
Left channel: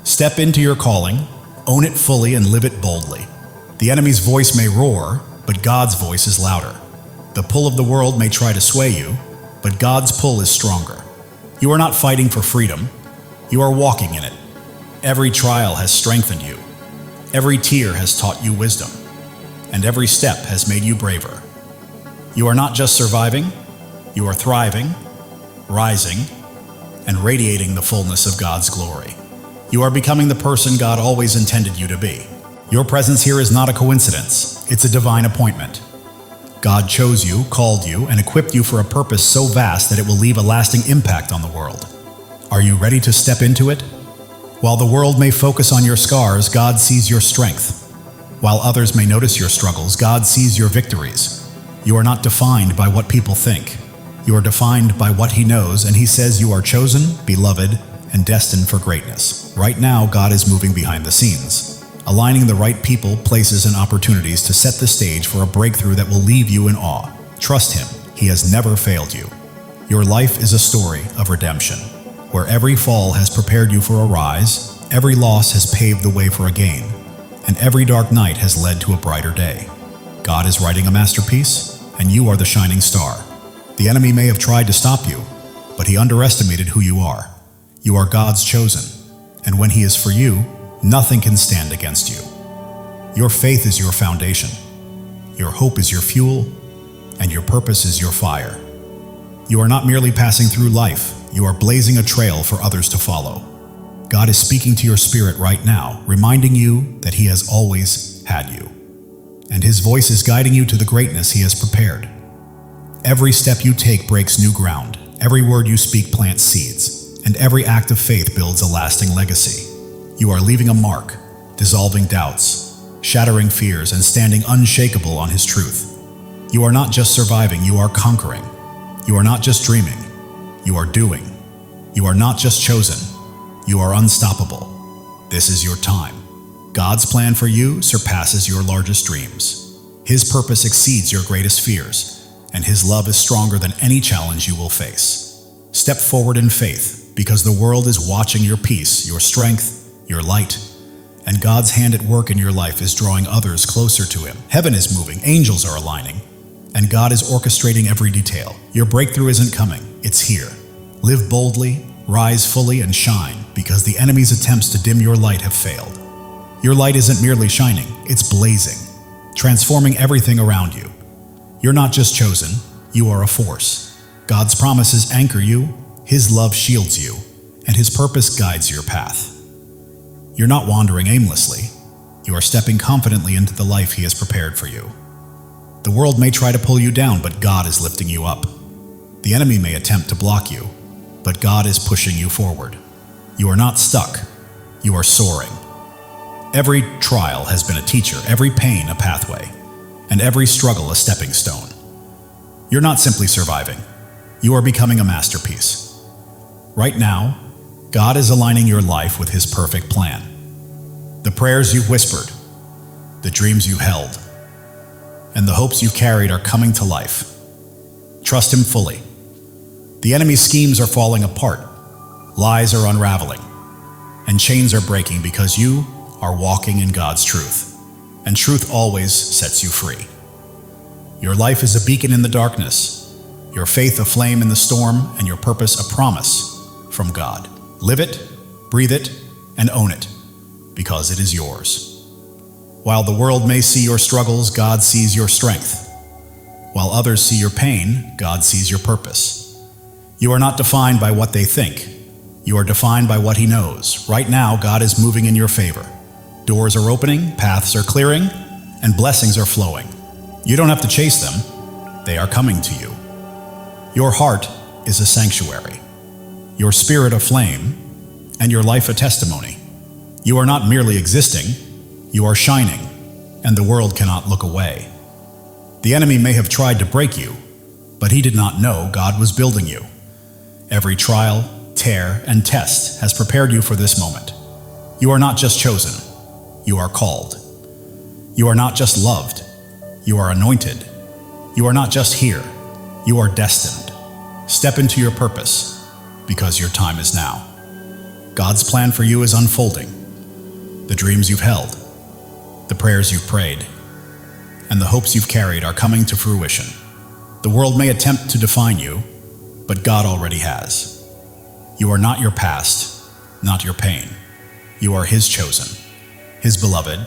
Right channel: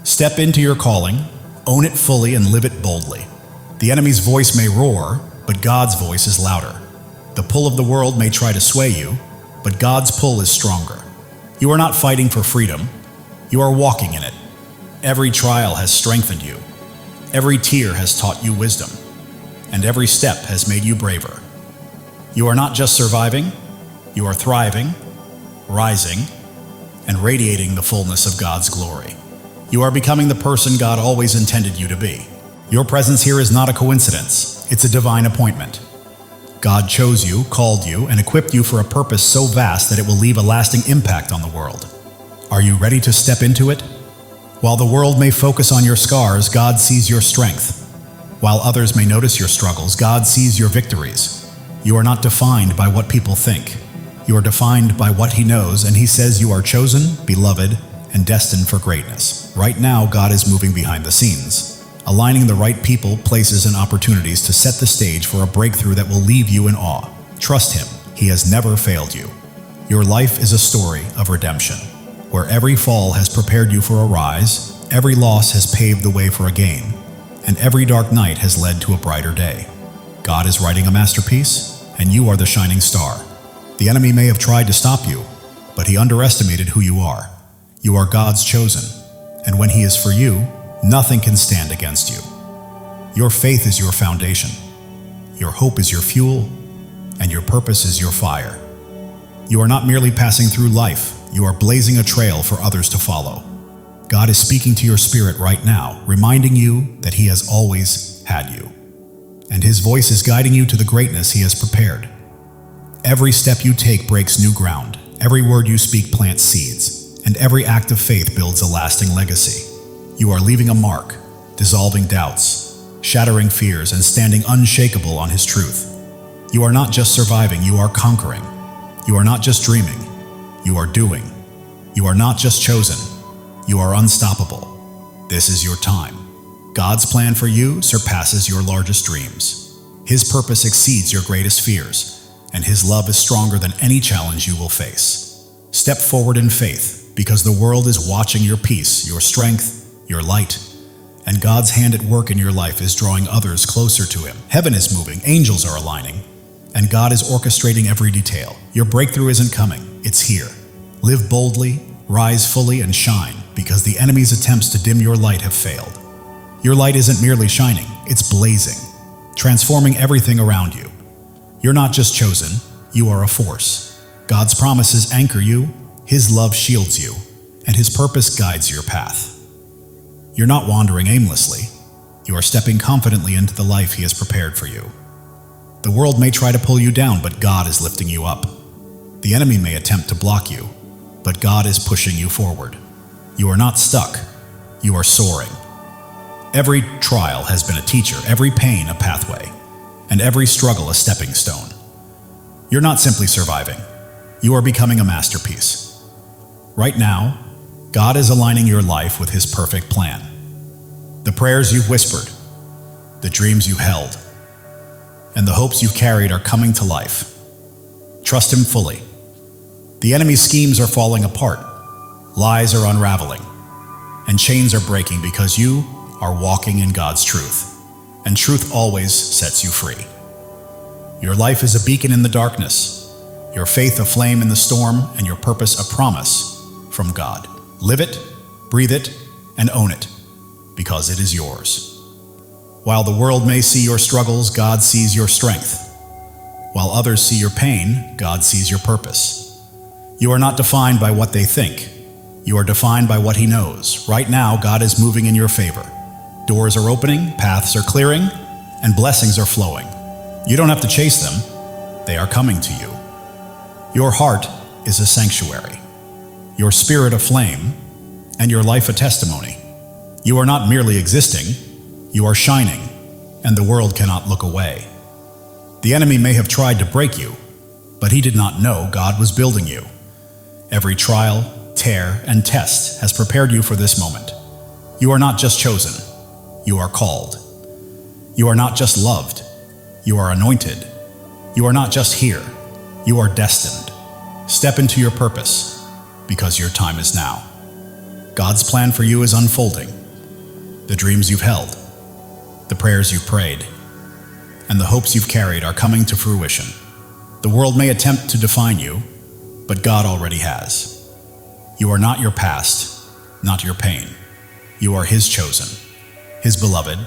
Step into your calling, own it fully, and live it boldly. The enemy's voice may roar, but God's voice is louder. The pull of the world may try to sway you, but God's pull is stronger. You are not fighting for freedom. You are walking in it. Every trial has strengthened you. Every tear has taught you wisdom, and every step has made you braver. You are not just surviving, you are thriving, rising, and radiating the fullness of God's glory. You are becoming the person God always intended you to be. Your presence here is not a coincidence, it's a divine appointment. God chose you, called you, and equipped you for a purpose so vast that it will leave a lasting impact on the world. Are you ready to step into it? While the world may focus on your scars, God sees your strength. While others may notice your struggles, God sees your victories. You are not defined by what people think. You are defined by what He knows, and He says you are chosen, beloved, and destined for greatness. Right now, God is moving behind the scenes, aligning the right people, places, and opportunities to set the stage for a breakthrough that will leave you in awe. Trust Him. He has never failed you. Your life is a story of redemption, where every fall has prepared you for a rise, every loss has paved the way for a gain, and every dark night has led to a brighter day. God is writing a masterpiece, and you are the shining star. The enemy may have tried to stop you, but he underestimated who you are. You are God's chosen, and when He is for you, nothing can stand against you. Your faith is your foundation, your hope is your fuel, and your purpose is your fire. You are not merely passing through life, you are blazing a trail for others to follow. God is speaking to your spirit right now, reminding you that He has always had you, and His voice is guiding you to the greatness He has prepared. Every step you take breaks new ground, every word you speak plants seeds, and every act of faith builds a lasting legacy. You are leaving a mark, dissolving doubts, shattering fears, and standing unshakable on His truth. You are not just surviving, you are conquering. You are not just dreaming, you are doing. You are not just chosen, you are unstoppable. This is your time. God's plan for you surpasses your largest dreams. His purpose exceeds your greatest fears, and His love is stronger than any challenge you will face. Step forward in faith, because the world is watching your peace, your strength, your light, and God's hand at work in your life is drawing others closer to Him. Heaven is moving, angels are aligning, and God is orchestrating every detail. Your breakthrough isn't coming, it's here. Live boldly, rise fully, and shine, because the enemy's attempts to dim your light have failed. Your light isn't merely shining, it's blazing, transforming everything around you. You're not just chosen, you are a force. God's promises anchor you, His love shields you, and His purpose guides your path. You're not wandering aimlessly, you are stepping confidently into the life He has prepared for you. The world may try to pull you down, but God is lifting you up. The enemy may attempt to block you, but God is pushing you forward. You are not stuck, you are soaring. Every trial has been a teacher, every pain a pathway, and every struggle a stepping stone. You're not simply surviving, you are becoming a masterpiece. Right now, God is aligning your life with His perfect plan. The prayers you've whispered, the dreams you held, and the hopes you've carried are coming to life. Trust Him fully. The enemy's schemes are falling apart, lies are unraveling, and chains are breaking because you are walking in God's truth, and truth always sets you free. Your life is a beacon in the darkness, your faith a flame in the storm, and your purpose a promise from God. Live it, breathe it, and own it, because it is yours. While the world may see your struggles, God sees your strength. While others see your pain, God sees your purpose. You are not defined by what they think. You are defined by what He knows. Right now, God is moving in your favor. Doors are opening, paths are clearing, and blessings are flowing. You don't have to chase them. They are coming to you. Your heart is a sanctuary, your spirit a flame, and your life a testimony. You are not merely existing, you are shining, and the world cannot look away. The enemy may have tried to break you, but he did not know God was building you. Every trial, tear, and test has prepared you for this moment. You are not just chosen, you are called. You are not just loved, you are anointed. You are not just here, you are destined. Step into your purpose, because your time is now. God's plan for you is unfolding. The dreams you've held, the prayers you've prayed, and the hopes you've carried are coming to fruition. The world may attempt to define you, but God already has. You are not your past, not your pain. You are His chosen, His beloved,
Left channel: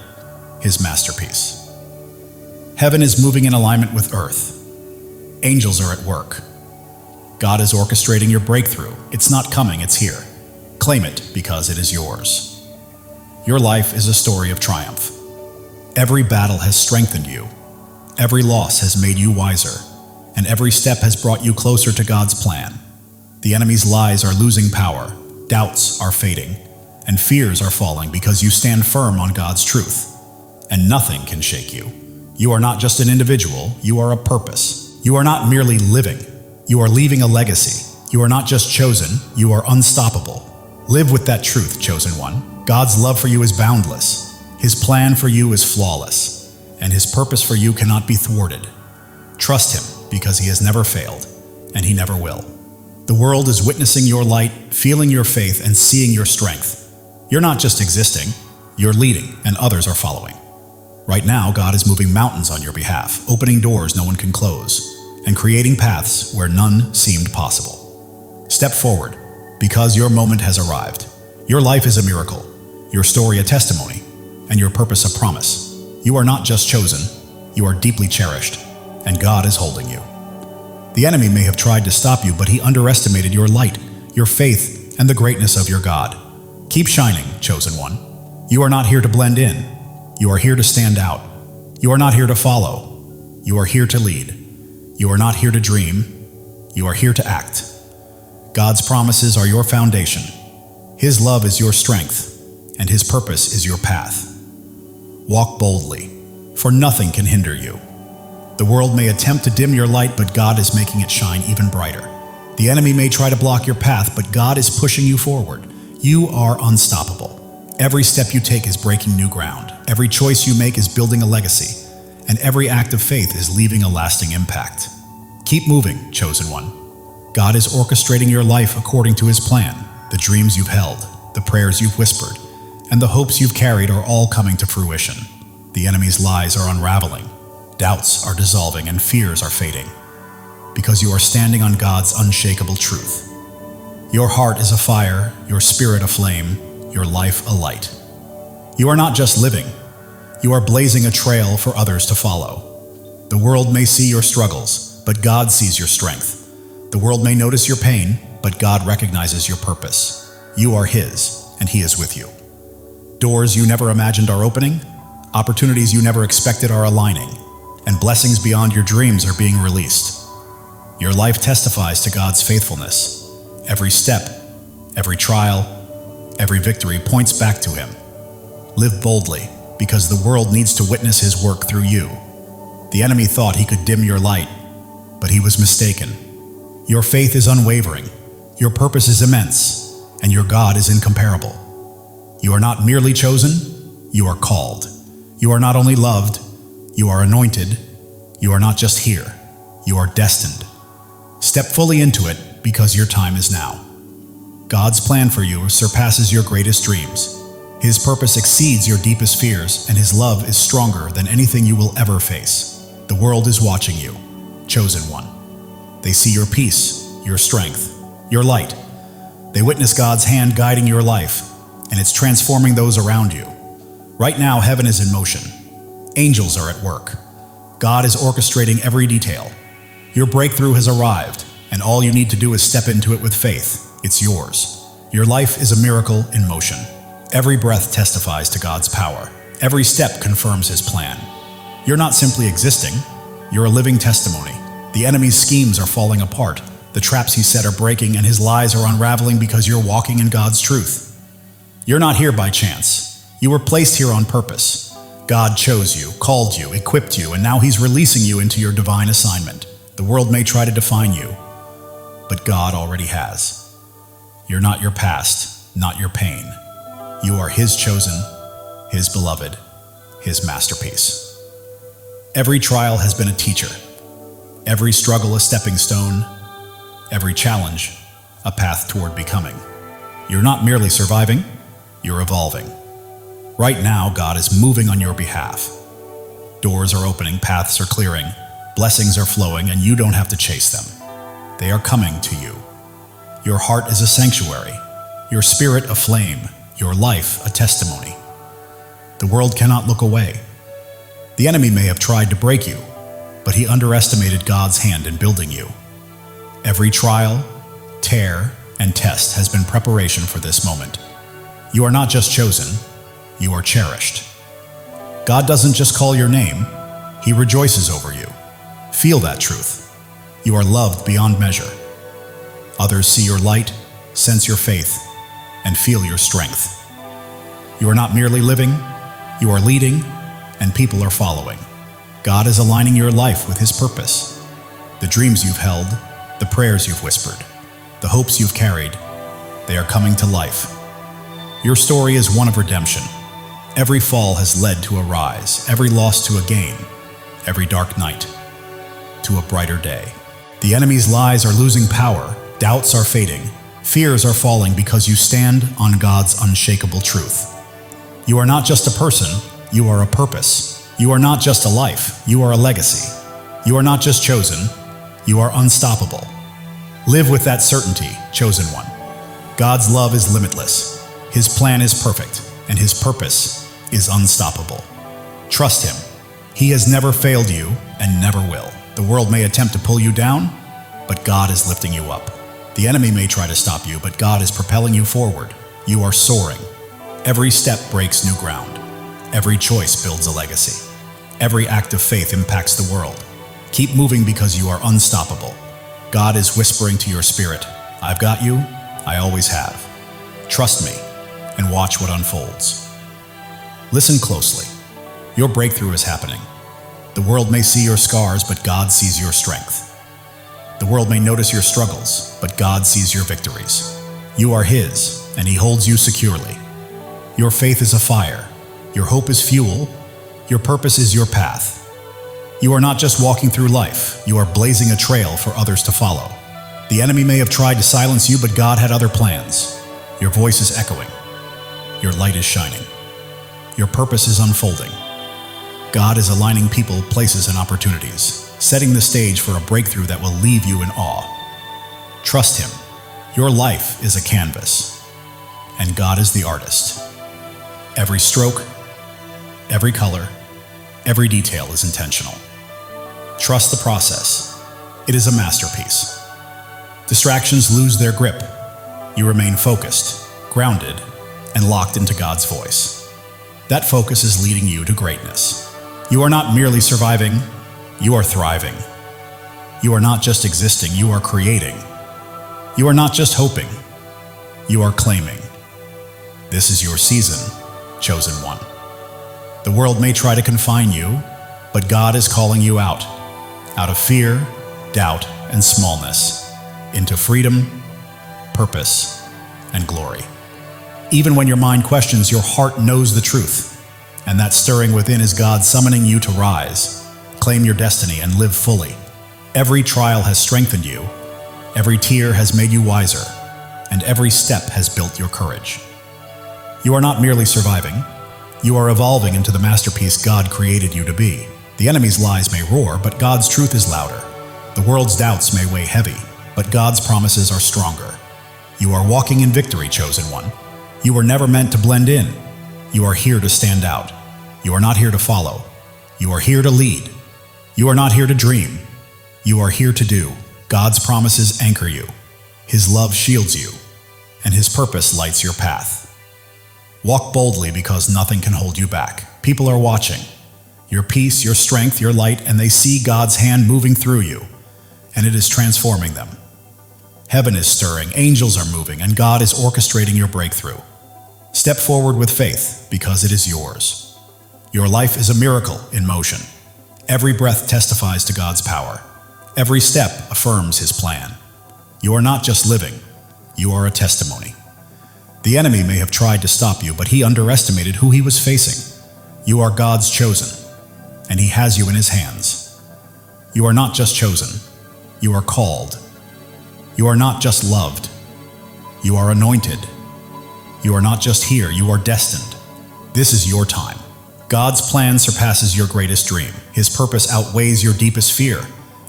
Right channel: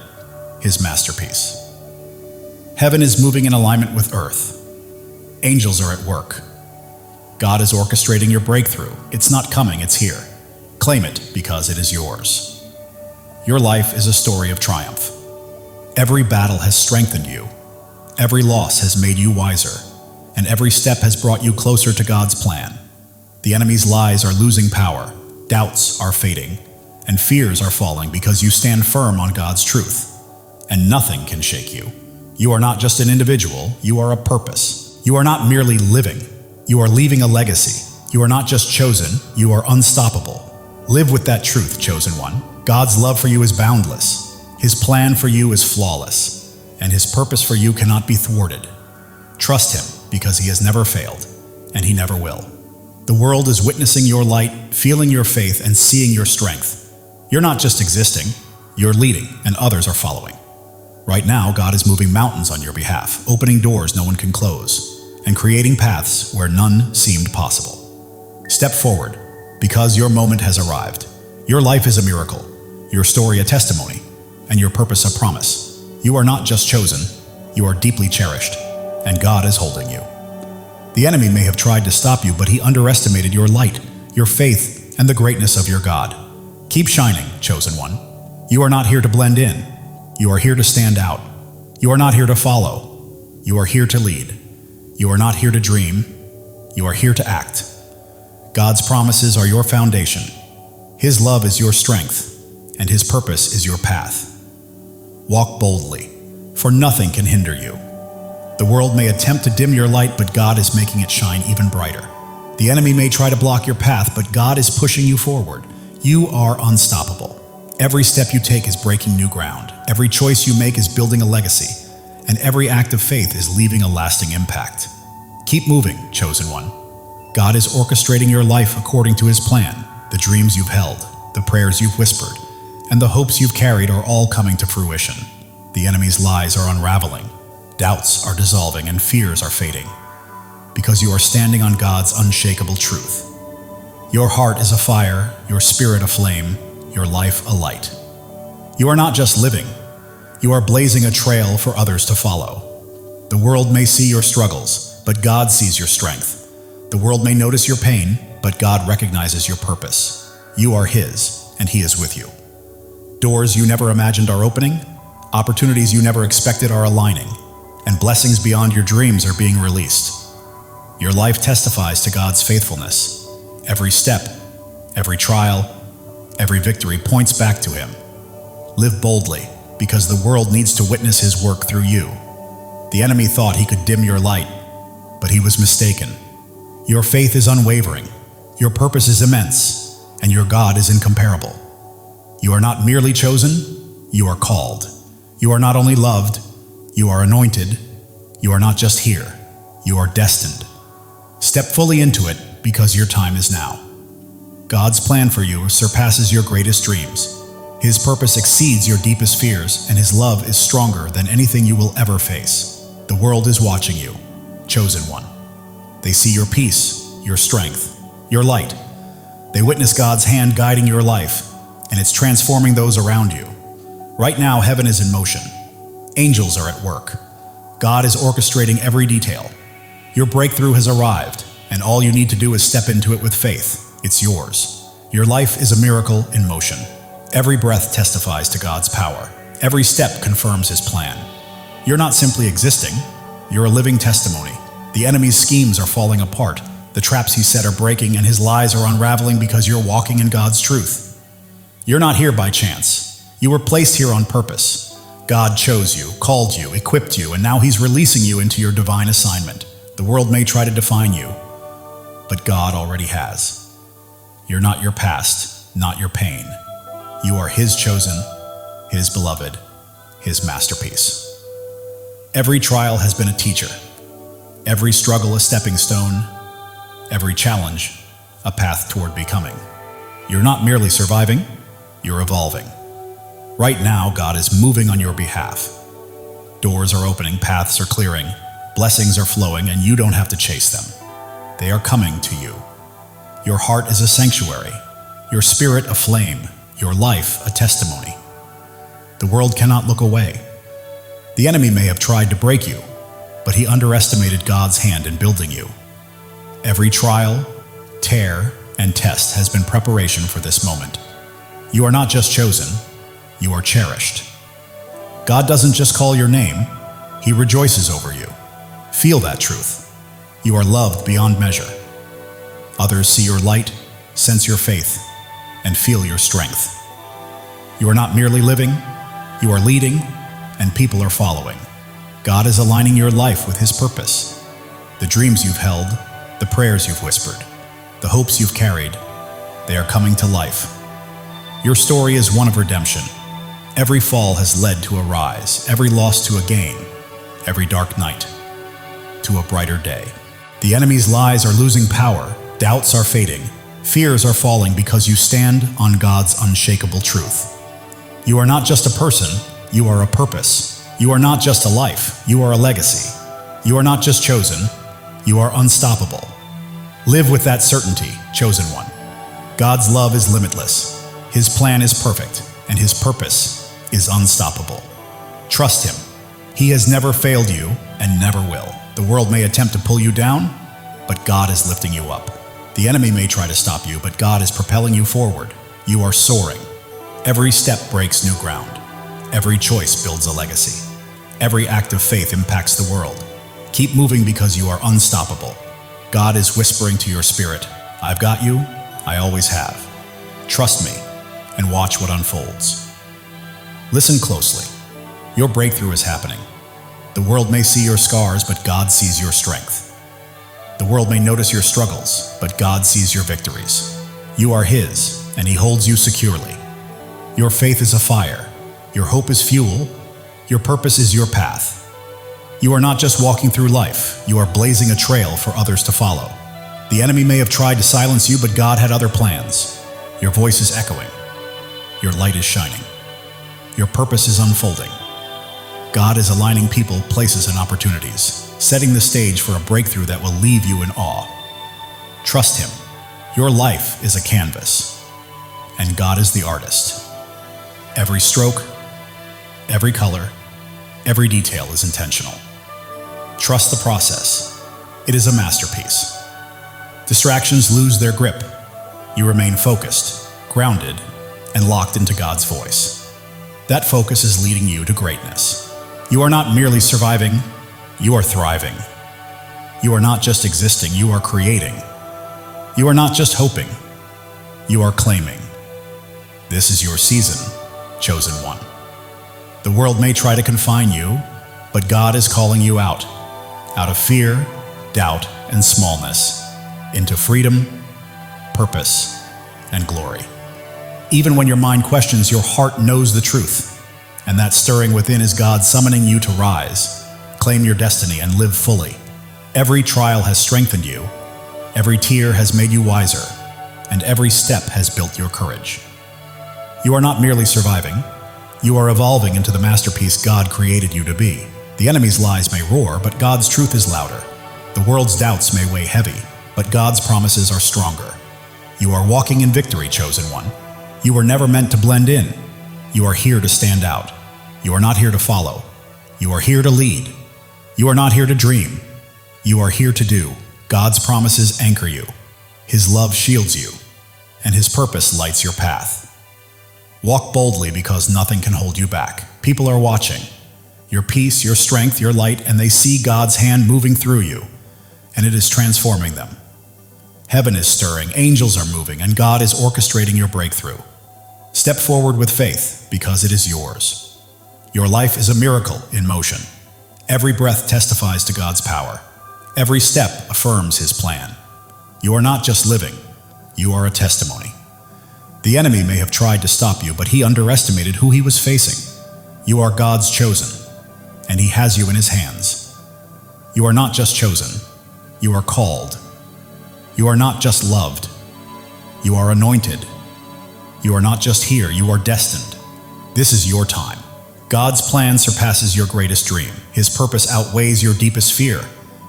His masterpiece. Heaven is moving in alignment with earth. Angels are at work. God is orchestrating your breakthrough. It's not coming, it's here. Claim it because it is yours. Your life is a story of triumph. Every battle has strengthened you, Every loss has made you wiser, and every step has brought you closer to God's plan. The enemy's lies are losing power, doubts are fading, and fears are falling because you stand firm on God's truth. And nothing can shake you. You are not just an individual, you are a purpose. You are not merely living, you are leaving a legacy. You are not just chosen, you are unstoppable. Live with that truth, chosen one. God's love for you is boundless. His plan for you is flawless, and his purpose for you cannot be thwarted. Trust him, because he has never failed, and he never will. The world is witnessing your light, feeling your faith, and seeing your strength. You're not just existing, you're leading, and others are following. Right now, God is moving mountains on your behalf, opening doors no one can close, and creating paths where none seemed possible. Step forward, because your moment has arrived. Your life is a miracle, your story a testimony, and your purpose a promise. You are not just chosen, you are deeply cherished, and God is holding you. The enemy may have tried to stop you, but he underestimated your light, your faith, and the greatness of your God. Keep shining, chosen one. You are not here to blend in. You are here to stand out. You are not here to follow. You are here to lead. You are not here to dream. You are here to act. God's promises are your foundation. His love is your strength, and his purpose is your path. Walk boldly, for nothing can hinder you. The world may attempt to dim your light, but God is making it shine even brighter. The enemy may try to block your path, but God is pushing you forward. You are unstoppable. Every step you take is breaking new ground. Every choice you make is building a legacy, and every act of faith is leaving a lasting impact. Keep moving, chosen one. God is orchestrating your life according to his plan. The dreams you've held, the prayers you've whispered, and the hopes you've carried are all coming to fruition. The enemy's lies are unraveling. Doubts are dissolving and fears are fading, because you are standing on God's unshakable truth. Your heart is afire, your spirit aflame, your life a light. You are not just living, you are blazing a trail for others to follow. The world may see your struggles, but God sees your strength. The world may notice your pain, but God recognizes your purpose. You are his, and he is with you. Doors you never imagined are opening, opportunities you never expected are aligning, and blessings beyond your dreams are being released. Your life testifies to God's faithfulness. Every step, every trial, every victory points back to him. Live boldly, because the world needs to witness his work through you. The enemy thought he could dim your light, but he was mistaken. Your faith is unwavering, your purpose is immense, and your God is incomparable. You are not merely chosen, you are called. You are not only loved, you are anointed. You are not just here, you are destined. Step fully into it, because your time is now. God's plan for you surpasses your greatest dreams. His purpose exceeds your deepest fears, and his love is stronger than anything you will ever face. The world is watching you, chosen one. They see your peace, your strength, your light. They witness God's hand guiding your life, and it's transforming those around you. Right now, heaven is in motion. Angels are at work. God is orchestrating every detail. Your breakthrough has arrived, and all you need to do is step into it with faith. It's yours. Your life is a miracle in motion. Every breath testifies to God's power. Every step confirms his plan. You're not simply existing, you're a living testimony. The enemy's schemes are falling apart. The traps he set are breaking, and his lies are unraveling because you're walking in God's truth. You're not here by chance. You were placed here on purpose. God chose you, called you, equipped you, and now he's releasing you into your divine assignment. The world may try to define you, but God already has. You're not your past, not your pain. You are his chosen, his beloved, his masterpiece. Every trial has been a teacher. Every struggle a stepping stone. Every challenge a path toward becoming. You're not merely surviving, you're evolving. Right now, God is moving on your behalf. Doors are opening, paths are clearing, blessings are flowing, and you don't have to chase them. They are coming to you. Your heart is a sanctuary, your spirit a flame, your life a testimony. The world cannot look away. The enemy may have tried to break you, but he underestimated God's hand in building you. Every trial, tear, and test has been preparation for this moment. You are not just chosen, you are cherished. God doesn't just call your name, He rejoices over you. Feel that truth. You are loved beyond measure. Others see your light, sense your faith, and feel your strength. You are not merely living, you are leading, and people are following. God is aligning your life with His purpose. The dreams you've held, the prayers you've whispered, the hopes you've carried, they are coming to life. Your story is one of redemption. Every fall has led to a rise, every loss to a gain, every dark night to a brighter day. The enemy's lies are losing power, doubts are fading, fears are falling because you stand on God's unshakable truth. You are not just a person, you are a purpose. You are not just a life, you are a legacy. You are not just chosen, you are unstoppable. Live with that certainty, chosen one. God's love is limitless. His plan is perfect, and His purpose is unstoppable. Trust Him. He has never failed you and never will. The world may attempt to pull you down, but God is lifting you up. The enemy may try to stop you, but God is propelling you forward. You are soaring. Every step breaks new ground. Every choice builds a legacy. Every act of faith impacts the world. Keep moving because you are unstoppable. God is whispering to your spirit, I've got you, I always have. Trust me and watch what unfolds. Listen closely. Your breakthrough is happening. The world may see your scars, but God sees your strength. The world may notice your struggles, but God sees your victories. You are His, and He holds you securely. Your faith is a fire. Your hope is fuel. Your purpose is your path. You are not just walking through life. You are blazing a trail for others to follow. The enemy may have tried to silence you, but God had other plans. Your voice is echoing. Your light is shining. Your purpose is unfolding. God is aligning people, places, and opportunities, setting the stage for a breakthrough that will leave you in awe. Trust Him. Your life is a canvas, and God is the artist. Every stroke, every color, every detail is intentional. Trust the process. It is a masterpiece. Distractions lose their grip. You remain focused, grounded, and locked into God's voice. That focus is leading you to greatness. You are not merely surviving, you are thriving. You are not just existing, you are creating. You are not just hoping, you are claiming. This is your season, chosen one. The world may try to confine you, but God is calling you out of fear, doubt, and smallness, into freedom, purpose, and glory. Even when your mind questions, your heart knows the truth, and that stirring within is God summoning you to rise, claim your destiny, and live fully. Every trial has strengthened you, every tear has made you wiser, and every step has built your courage. You are not merely surviving, you are evolving into the masterpiece God created you to be. The enemy's lies may roar, but God's truth is louder. The world's doubts may weigh heavy, but God's promises are stronger. You are walking in victory, chosen one. You were never meant to blend in. You are here to stand out. You are not here to follow. You are here to lead. You are not here to dream. You are here to do. God's promises anchor you. His love shields you, and His purpose lights your path. Walk boldly because nothing can hold you back. People are watching. Your peace, your strength, your light, and they see God's hand moving through you, and it is transforming them. Heaven is stirring, angels are moving, and God is orchestrating your breakthrough. Step forward with faith because it is yours. Your life is a miracle in motion. Every breath testifies to God's power. Every step affirms His plan. You are not just living, you are a testimony. The enemy may have tried to stop you, but he underestimated who he was facing. You are God's chosen, and He has you in His hands. You are not just chosen, you are called. You are not just loved, you are anointed. You are not just here, you are destined. This is your time. God's plan surpasses your greatest dream. His purpose outweighs your deepest fear,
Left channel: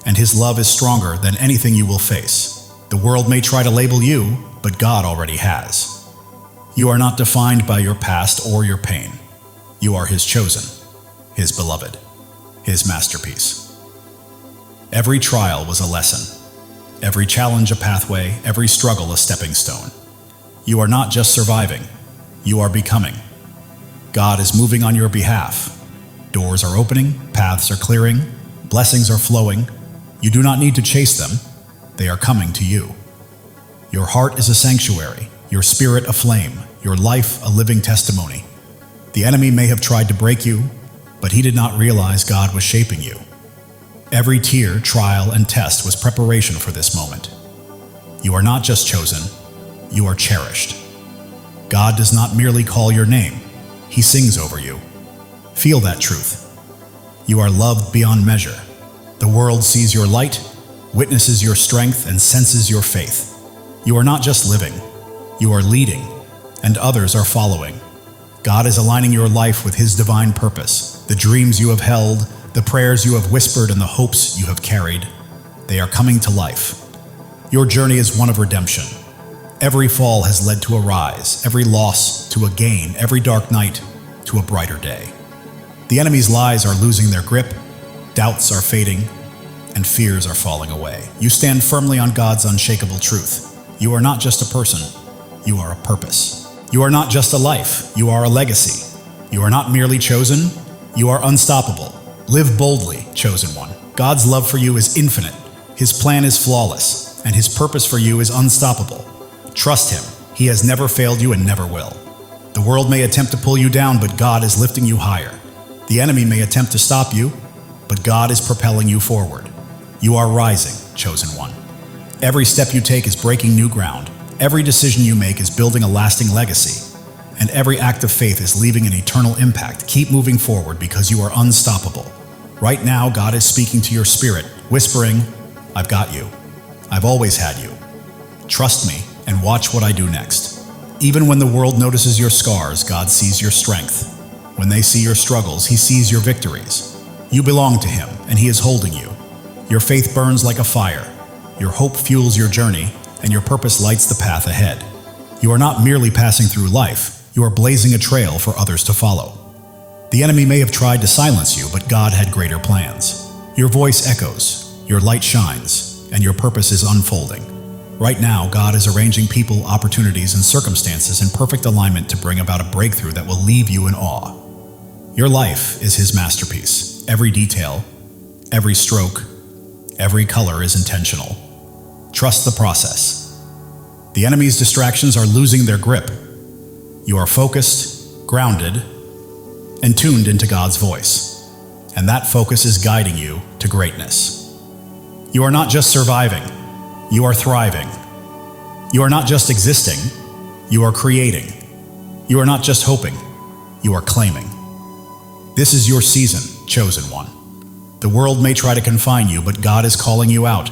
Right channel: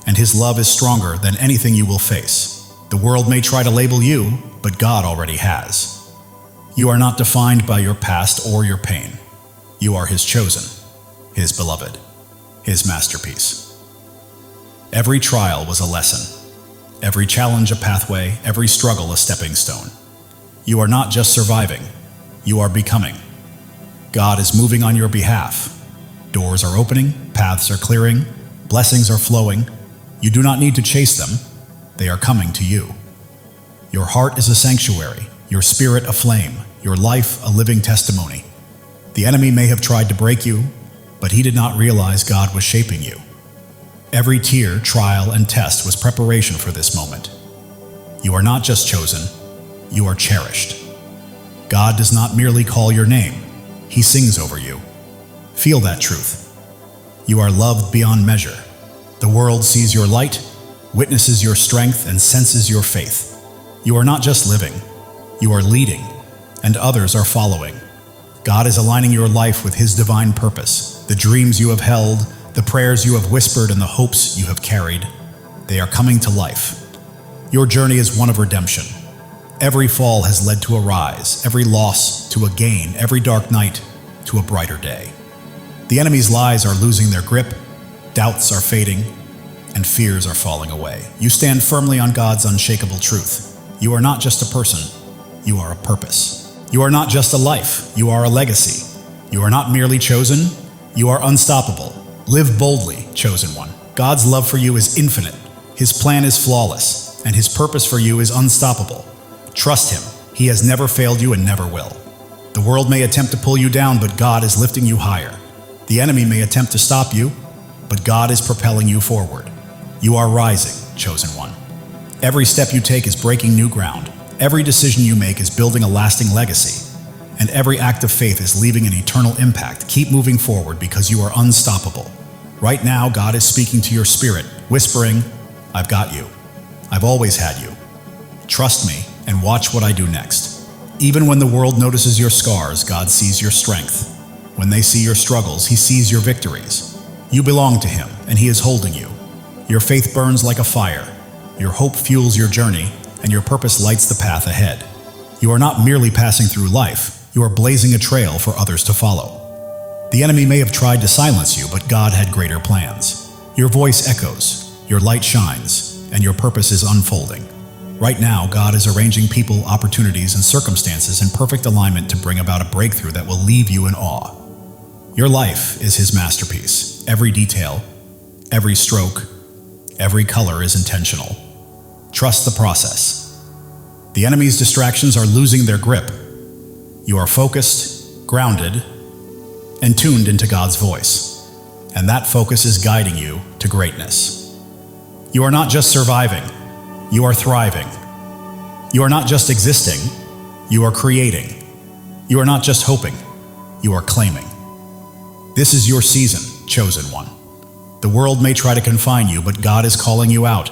and His love is stronger than anything you will face. The world may try to label you, but God already has. You are not defined by your past or your pain. You are His chosen, His beloved, His masterpiece. Every trial was a lesson. Every challenge a pathway, every struggle a stepping stone. You are not just surviving, you are becoming. God is moving on your behalf. Doors are opening, paths are clearing, blessings are flowing. You do not need to chase them. They are coming to you. Your heart is a sanctuary, your spirit a flame, your life a living testimony. The enemy may have tried to break you, but he did not realize God was shaping you. Every tear, trial, and test was preparation for this moment. You are not just chosen, you are cherished. God does not merely call your name, he sings over you. Feel that truth. You are loved beyond measure. The world sees your light, witnesses your strength, and senses your faith. You are not just living, you are leading, and others are following. God is aligning your life with his divine purpose. The dreams you have held, the prayers you have whispered, and the hopes you have carried, they are coming to life. Your journey is one of redemption. Every fall has led to a rise, every loss to a gain, every dark night to a brighter day. The enemy's lies are losing their grip, doubts are fading, and fears are falling away. You stand firmly on God's unshakable truth. You are not just a person, you are a purpose. You are not just a life, you are a legacy. You are not merely chosen, you are unstoppable. Live boldly, chosen one. God's love for you is infinite, his plan is flawless, and his purpose for you is unstoppable. Trust him, he has never failed you and never will. The world may attempt to pull you down, but God is lifting you higher. The enemy may attempt to stop you, but God is propelling you forward. You are rising, chosen one. Every step you take is breaking new ground. Every decision you make is building a lasting legacy. And every act of faith is leaving an eternal impact. Keep moving forward because you are unstoppable. Right now, God is speaking to your spirit, whispering, I've got you. I've always had you. Trust me and watch what I do next. Even when the world notices your scars, God sees your strength. When they see your struggles, he sees your victories. You belong to him, and he is holding you. Your faith burns like a fire. Your hope fuels your journey, and your purpose lights the path ahead. You are not merely passing through life, you are blazing a trail for others to follow. The enemy may have tried to silence you, but God had greater plans. Your voice echoes, your light shines, and your purpose is unfolding. Right now, God is arranging people, opportunities, and circumstances in perfect alignment to bring about a breakthrough that will leave you in awe. Your life is his masterpiece. Every detail, every stroke, every color is intentional. Trust the process. The enemy's distractions are losing their grip. You are focused, grounded, and tuned into God's voice. And that focus is guiding you to greatness. You are not just surviving, you are thriving. You are not just existing, you are creating. You are not just hoping, you are claiming. This is your season, chosen one. The world may try to confine you, but God is calling you out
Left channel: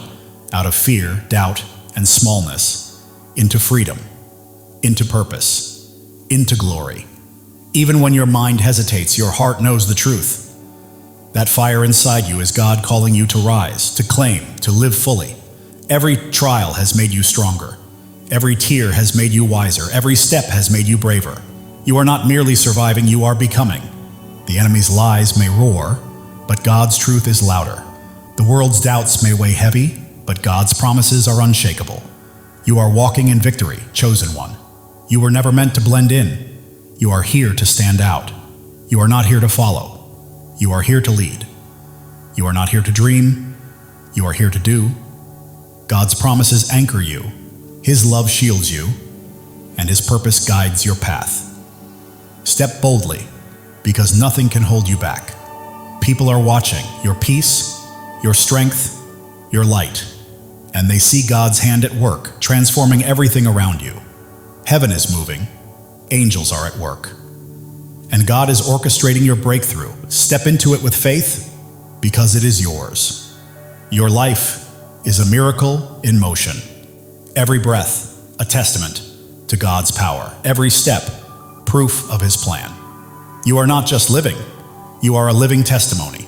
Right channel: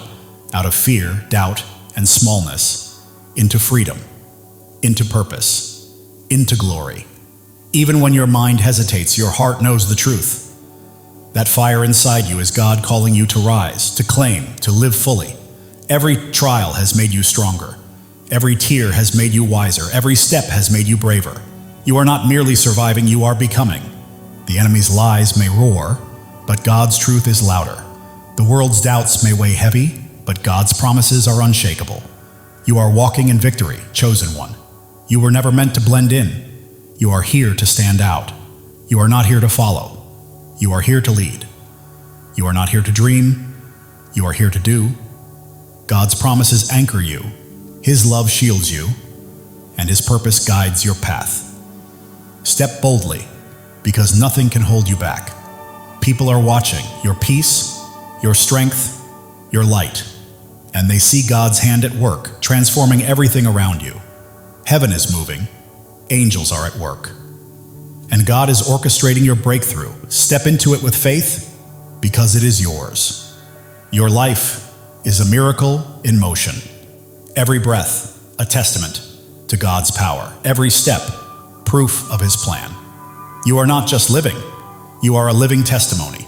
of fear, doubt, and smallness, into freedom, into purpose, into glory. Even when your mind hesitates, your heart knows the truth. That fire inside you is God calling you to rise, to claim, to live fully. Every trial has made you stronger. Every tear has made you wiser. Every step has made you braver. You are not merely surviving, you are becoming. The enemy's lies may roar, but God's truth is louder. The world's doubts may weigh heavy, but God's promises are unshakable. You are walking in victory, chosen one. You were never meant to blend in. You are here to stand out. You are not here to follow. You are here to lead. You are not here to dream. You are here to do. God's promises anchor you. His love shields you, and his purpose guides your path. Step boldly, because nothing can hold you back. People are watching your peace, your strength, your light, and they see God's hand at work, transforming everything around you. Heaven is moving, angels are at work, and God is orchestrating your breakthrough. Step into it with faith, because it is yours. Your life is a miracle in motion. Every breath, a testament to God's power. Every step, proof of his plan. You are not just living, you are a living testimony.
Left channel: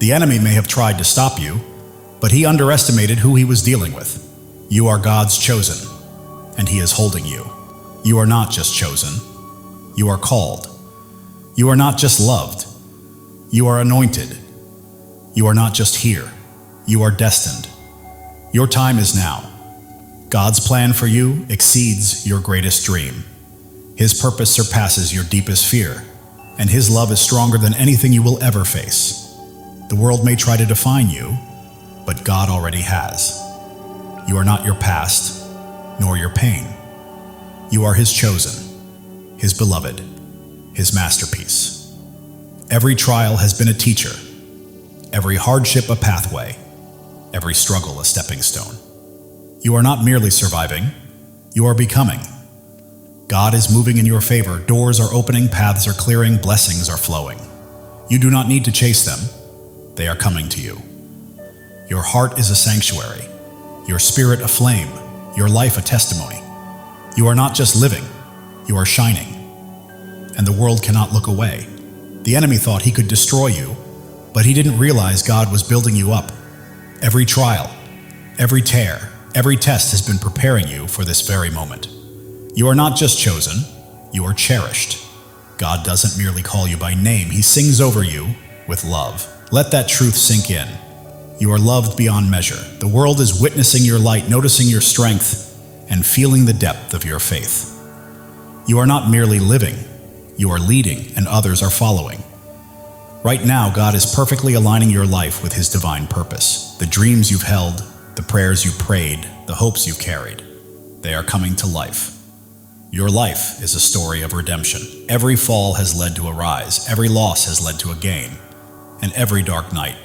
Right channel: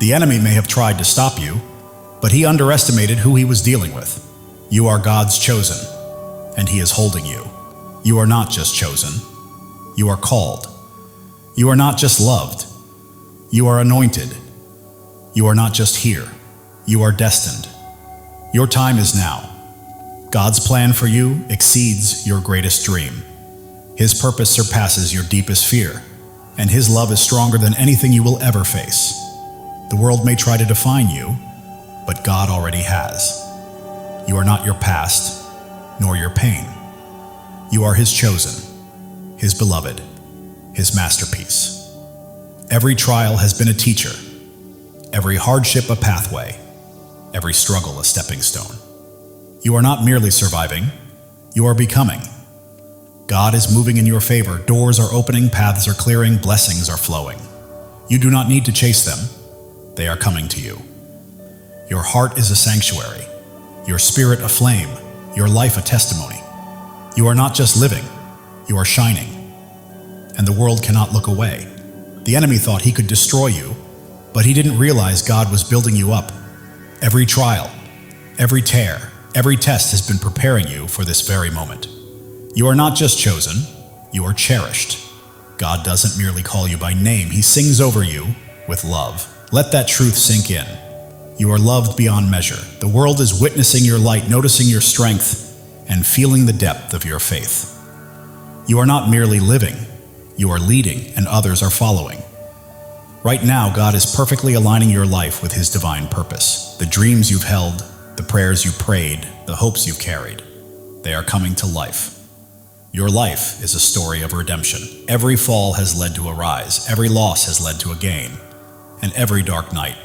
The enemy may have tried to stop you, but he underestimated who he was dealing with. You are God's chosen, and he is holding you. You are not just chosen, you are called. You are not just loved, you are anointed. You are not just here, you are destined. Your time is now. God's plan for you exceeds your greatest dream. His purpose surpasses your deepest fear. and His love is stronger than anything you will ever face. The world may try to define you, but God already has. You are not your past, nor your pain. You are His chosen, His beloved, His masterpiece. Every trial has been a teacher, every hardship a pathway, every struggle a stepping stone. You are not merely surviving, you are becoming. God is moving in your favor. Doors are opening, paths are clearing, blessings are flowing. You do not need to chase them. They are coming to you. Your heart is a sanctuary, your spirit a flame, your life a testimony. You are not just living, you are shining. And the world cannot look away. The enemy thought he could destroy you, but he didn't realize God was building you up. Every trial, every tear, every test has been preparing you for this very moment. You are not just chosen, you are cherished. God doesn't merely call you by name, He sings over you with love. Let that truth sink in. You are loved beyond measure. The world is witnessing your light, noticing your strength, and feeling the depth of your faith. You are not merely living, you are leading, and others are following. Right now, God is perfectly aligning your life with His divine purpose. The dreams you've held, the prayers you prayed, the hopes you've carried, they are coming to life. Your life is a story of redemption. Every fall has led to a rise, every loss has led to a gain, and every dark night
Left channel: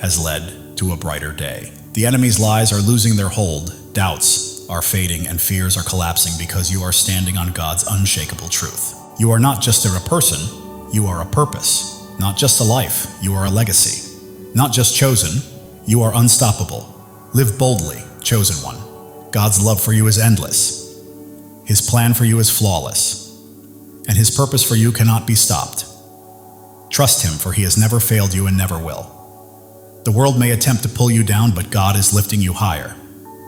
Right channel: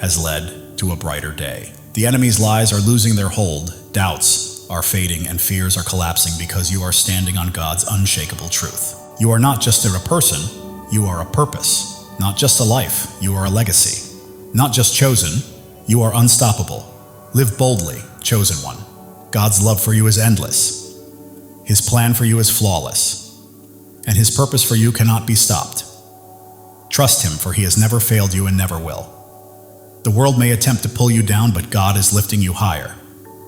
has led to a brighter day. The enemy's lies are losing their hold, doubts are fading, and fears are collapsing because you are standing on God's unshakable truth. You are not just a person, you are a purpose. Not just a life, you are a legacy. Not just chosen, you are unstoppable. Live boldly, chosen one. God's love for you is endless. His plan for you is flawless, and His purpose for you cannot be stopped. Trust Him, for He has never failed you and never will. The world may attempt to pull you down, but God is lifting you higher.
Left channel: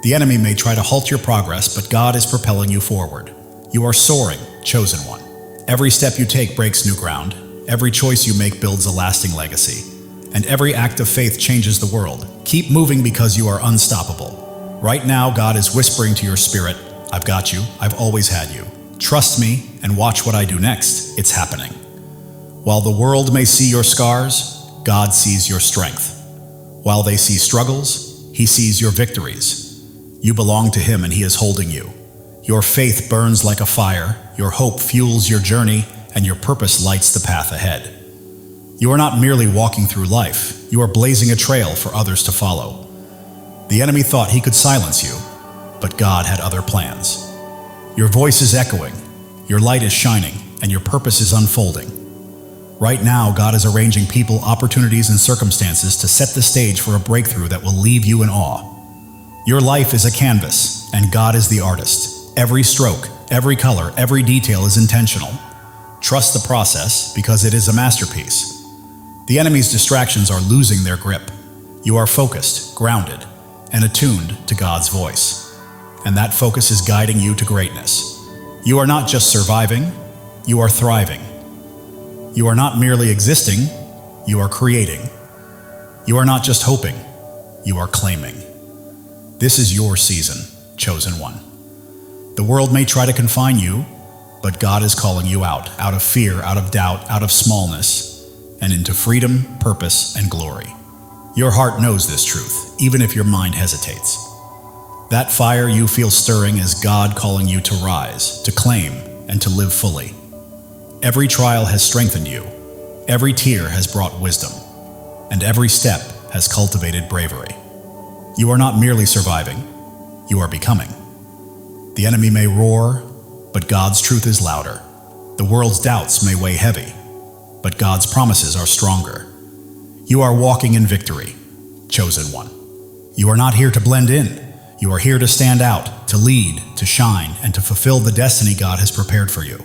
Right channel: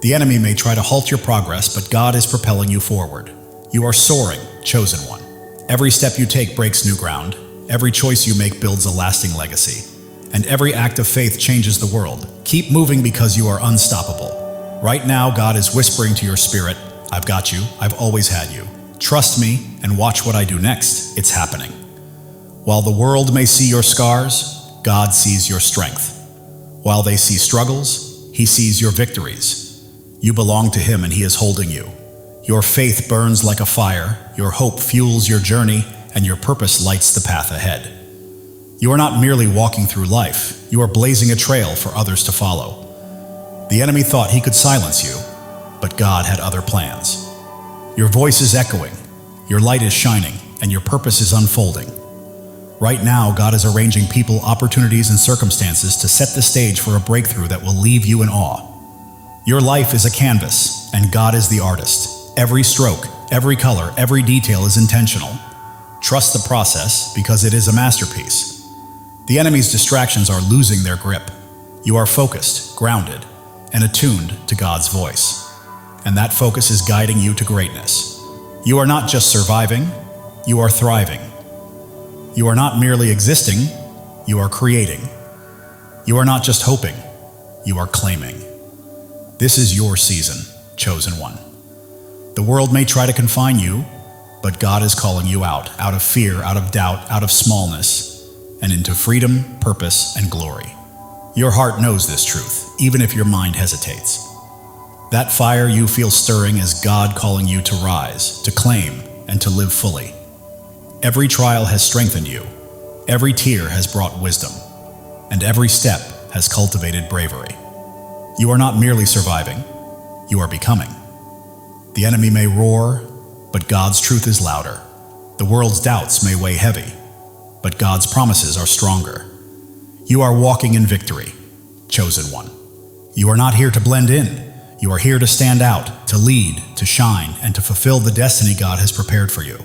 The enemy may try to halt your progress, but God is propelling you forward. You are soaring, chosen one. Every step you take breaks new ground. Every choice you make builds a lasting legacy. And every act of faith changes the world. Keep moving because you are unstoppable. Right now, God is whispering to your spirit, I've got you, I've always had you. Trust me and watch what I do next. It's happening. While the world may see your scars, God sees your strength. While they see struggles, He sees your victories. You belong to Him and He is holding you. Your faith burns like a fire, your hope fuels your journey, and your purpose lights the path ahead. You are not merely walking through life, you are blazing a trail for others to follow. The enemy thought he could silence you, but God had other plans. Your voice is echoing, your light is shining, and your purpose is unfolding. Right now, God is arranging people, opportunities, and circumstances to set the stage for a breakthrough that will leave you in awe. Your life is a canvas, and God is the artist. Every stroke, every color, every detail is intentional. Trust the process because it is a masterpiece. The enemy's distractions are losing their grip. You are focused, grounded, and attuned to God's voice. And that focus is guiding you to greatness. You are not just surviving, you are thriving. You are not merely existing, you are creating. You are not just hoping, you are claiming. This is your season, chosen one. The world may try to confine you, but God is calling you out of fear, out of doubt, out of smallness, and into freedom, purpose, and glory. Your heart knows this truth, even if your mind hesitates. That fire you feel stirring is God calling you to rise, to claim, and to live fully. Every trial has strengthened you, every tear has brought wisdom, and every step has cultivated bravery. You are not merely surviving, you are becoming. The enemy may roar, but God's truth is louder. The world's doubts may weigh heavy, but God's promises are stronger. You are walking in victory, chosen one. You are not here to blend in. You are here to stand out, to lead, to shine, and to fulfill the destiny God has prepared for you.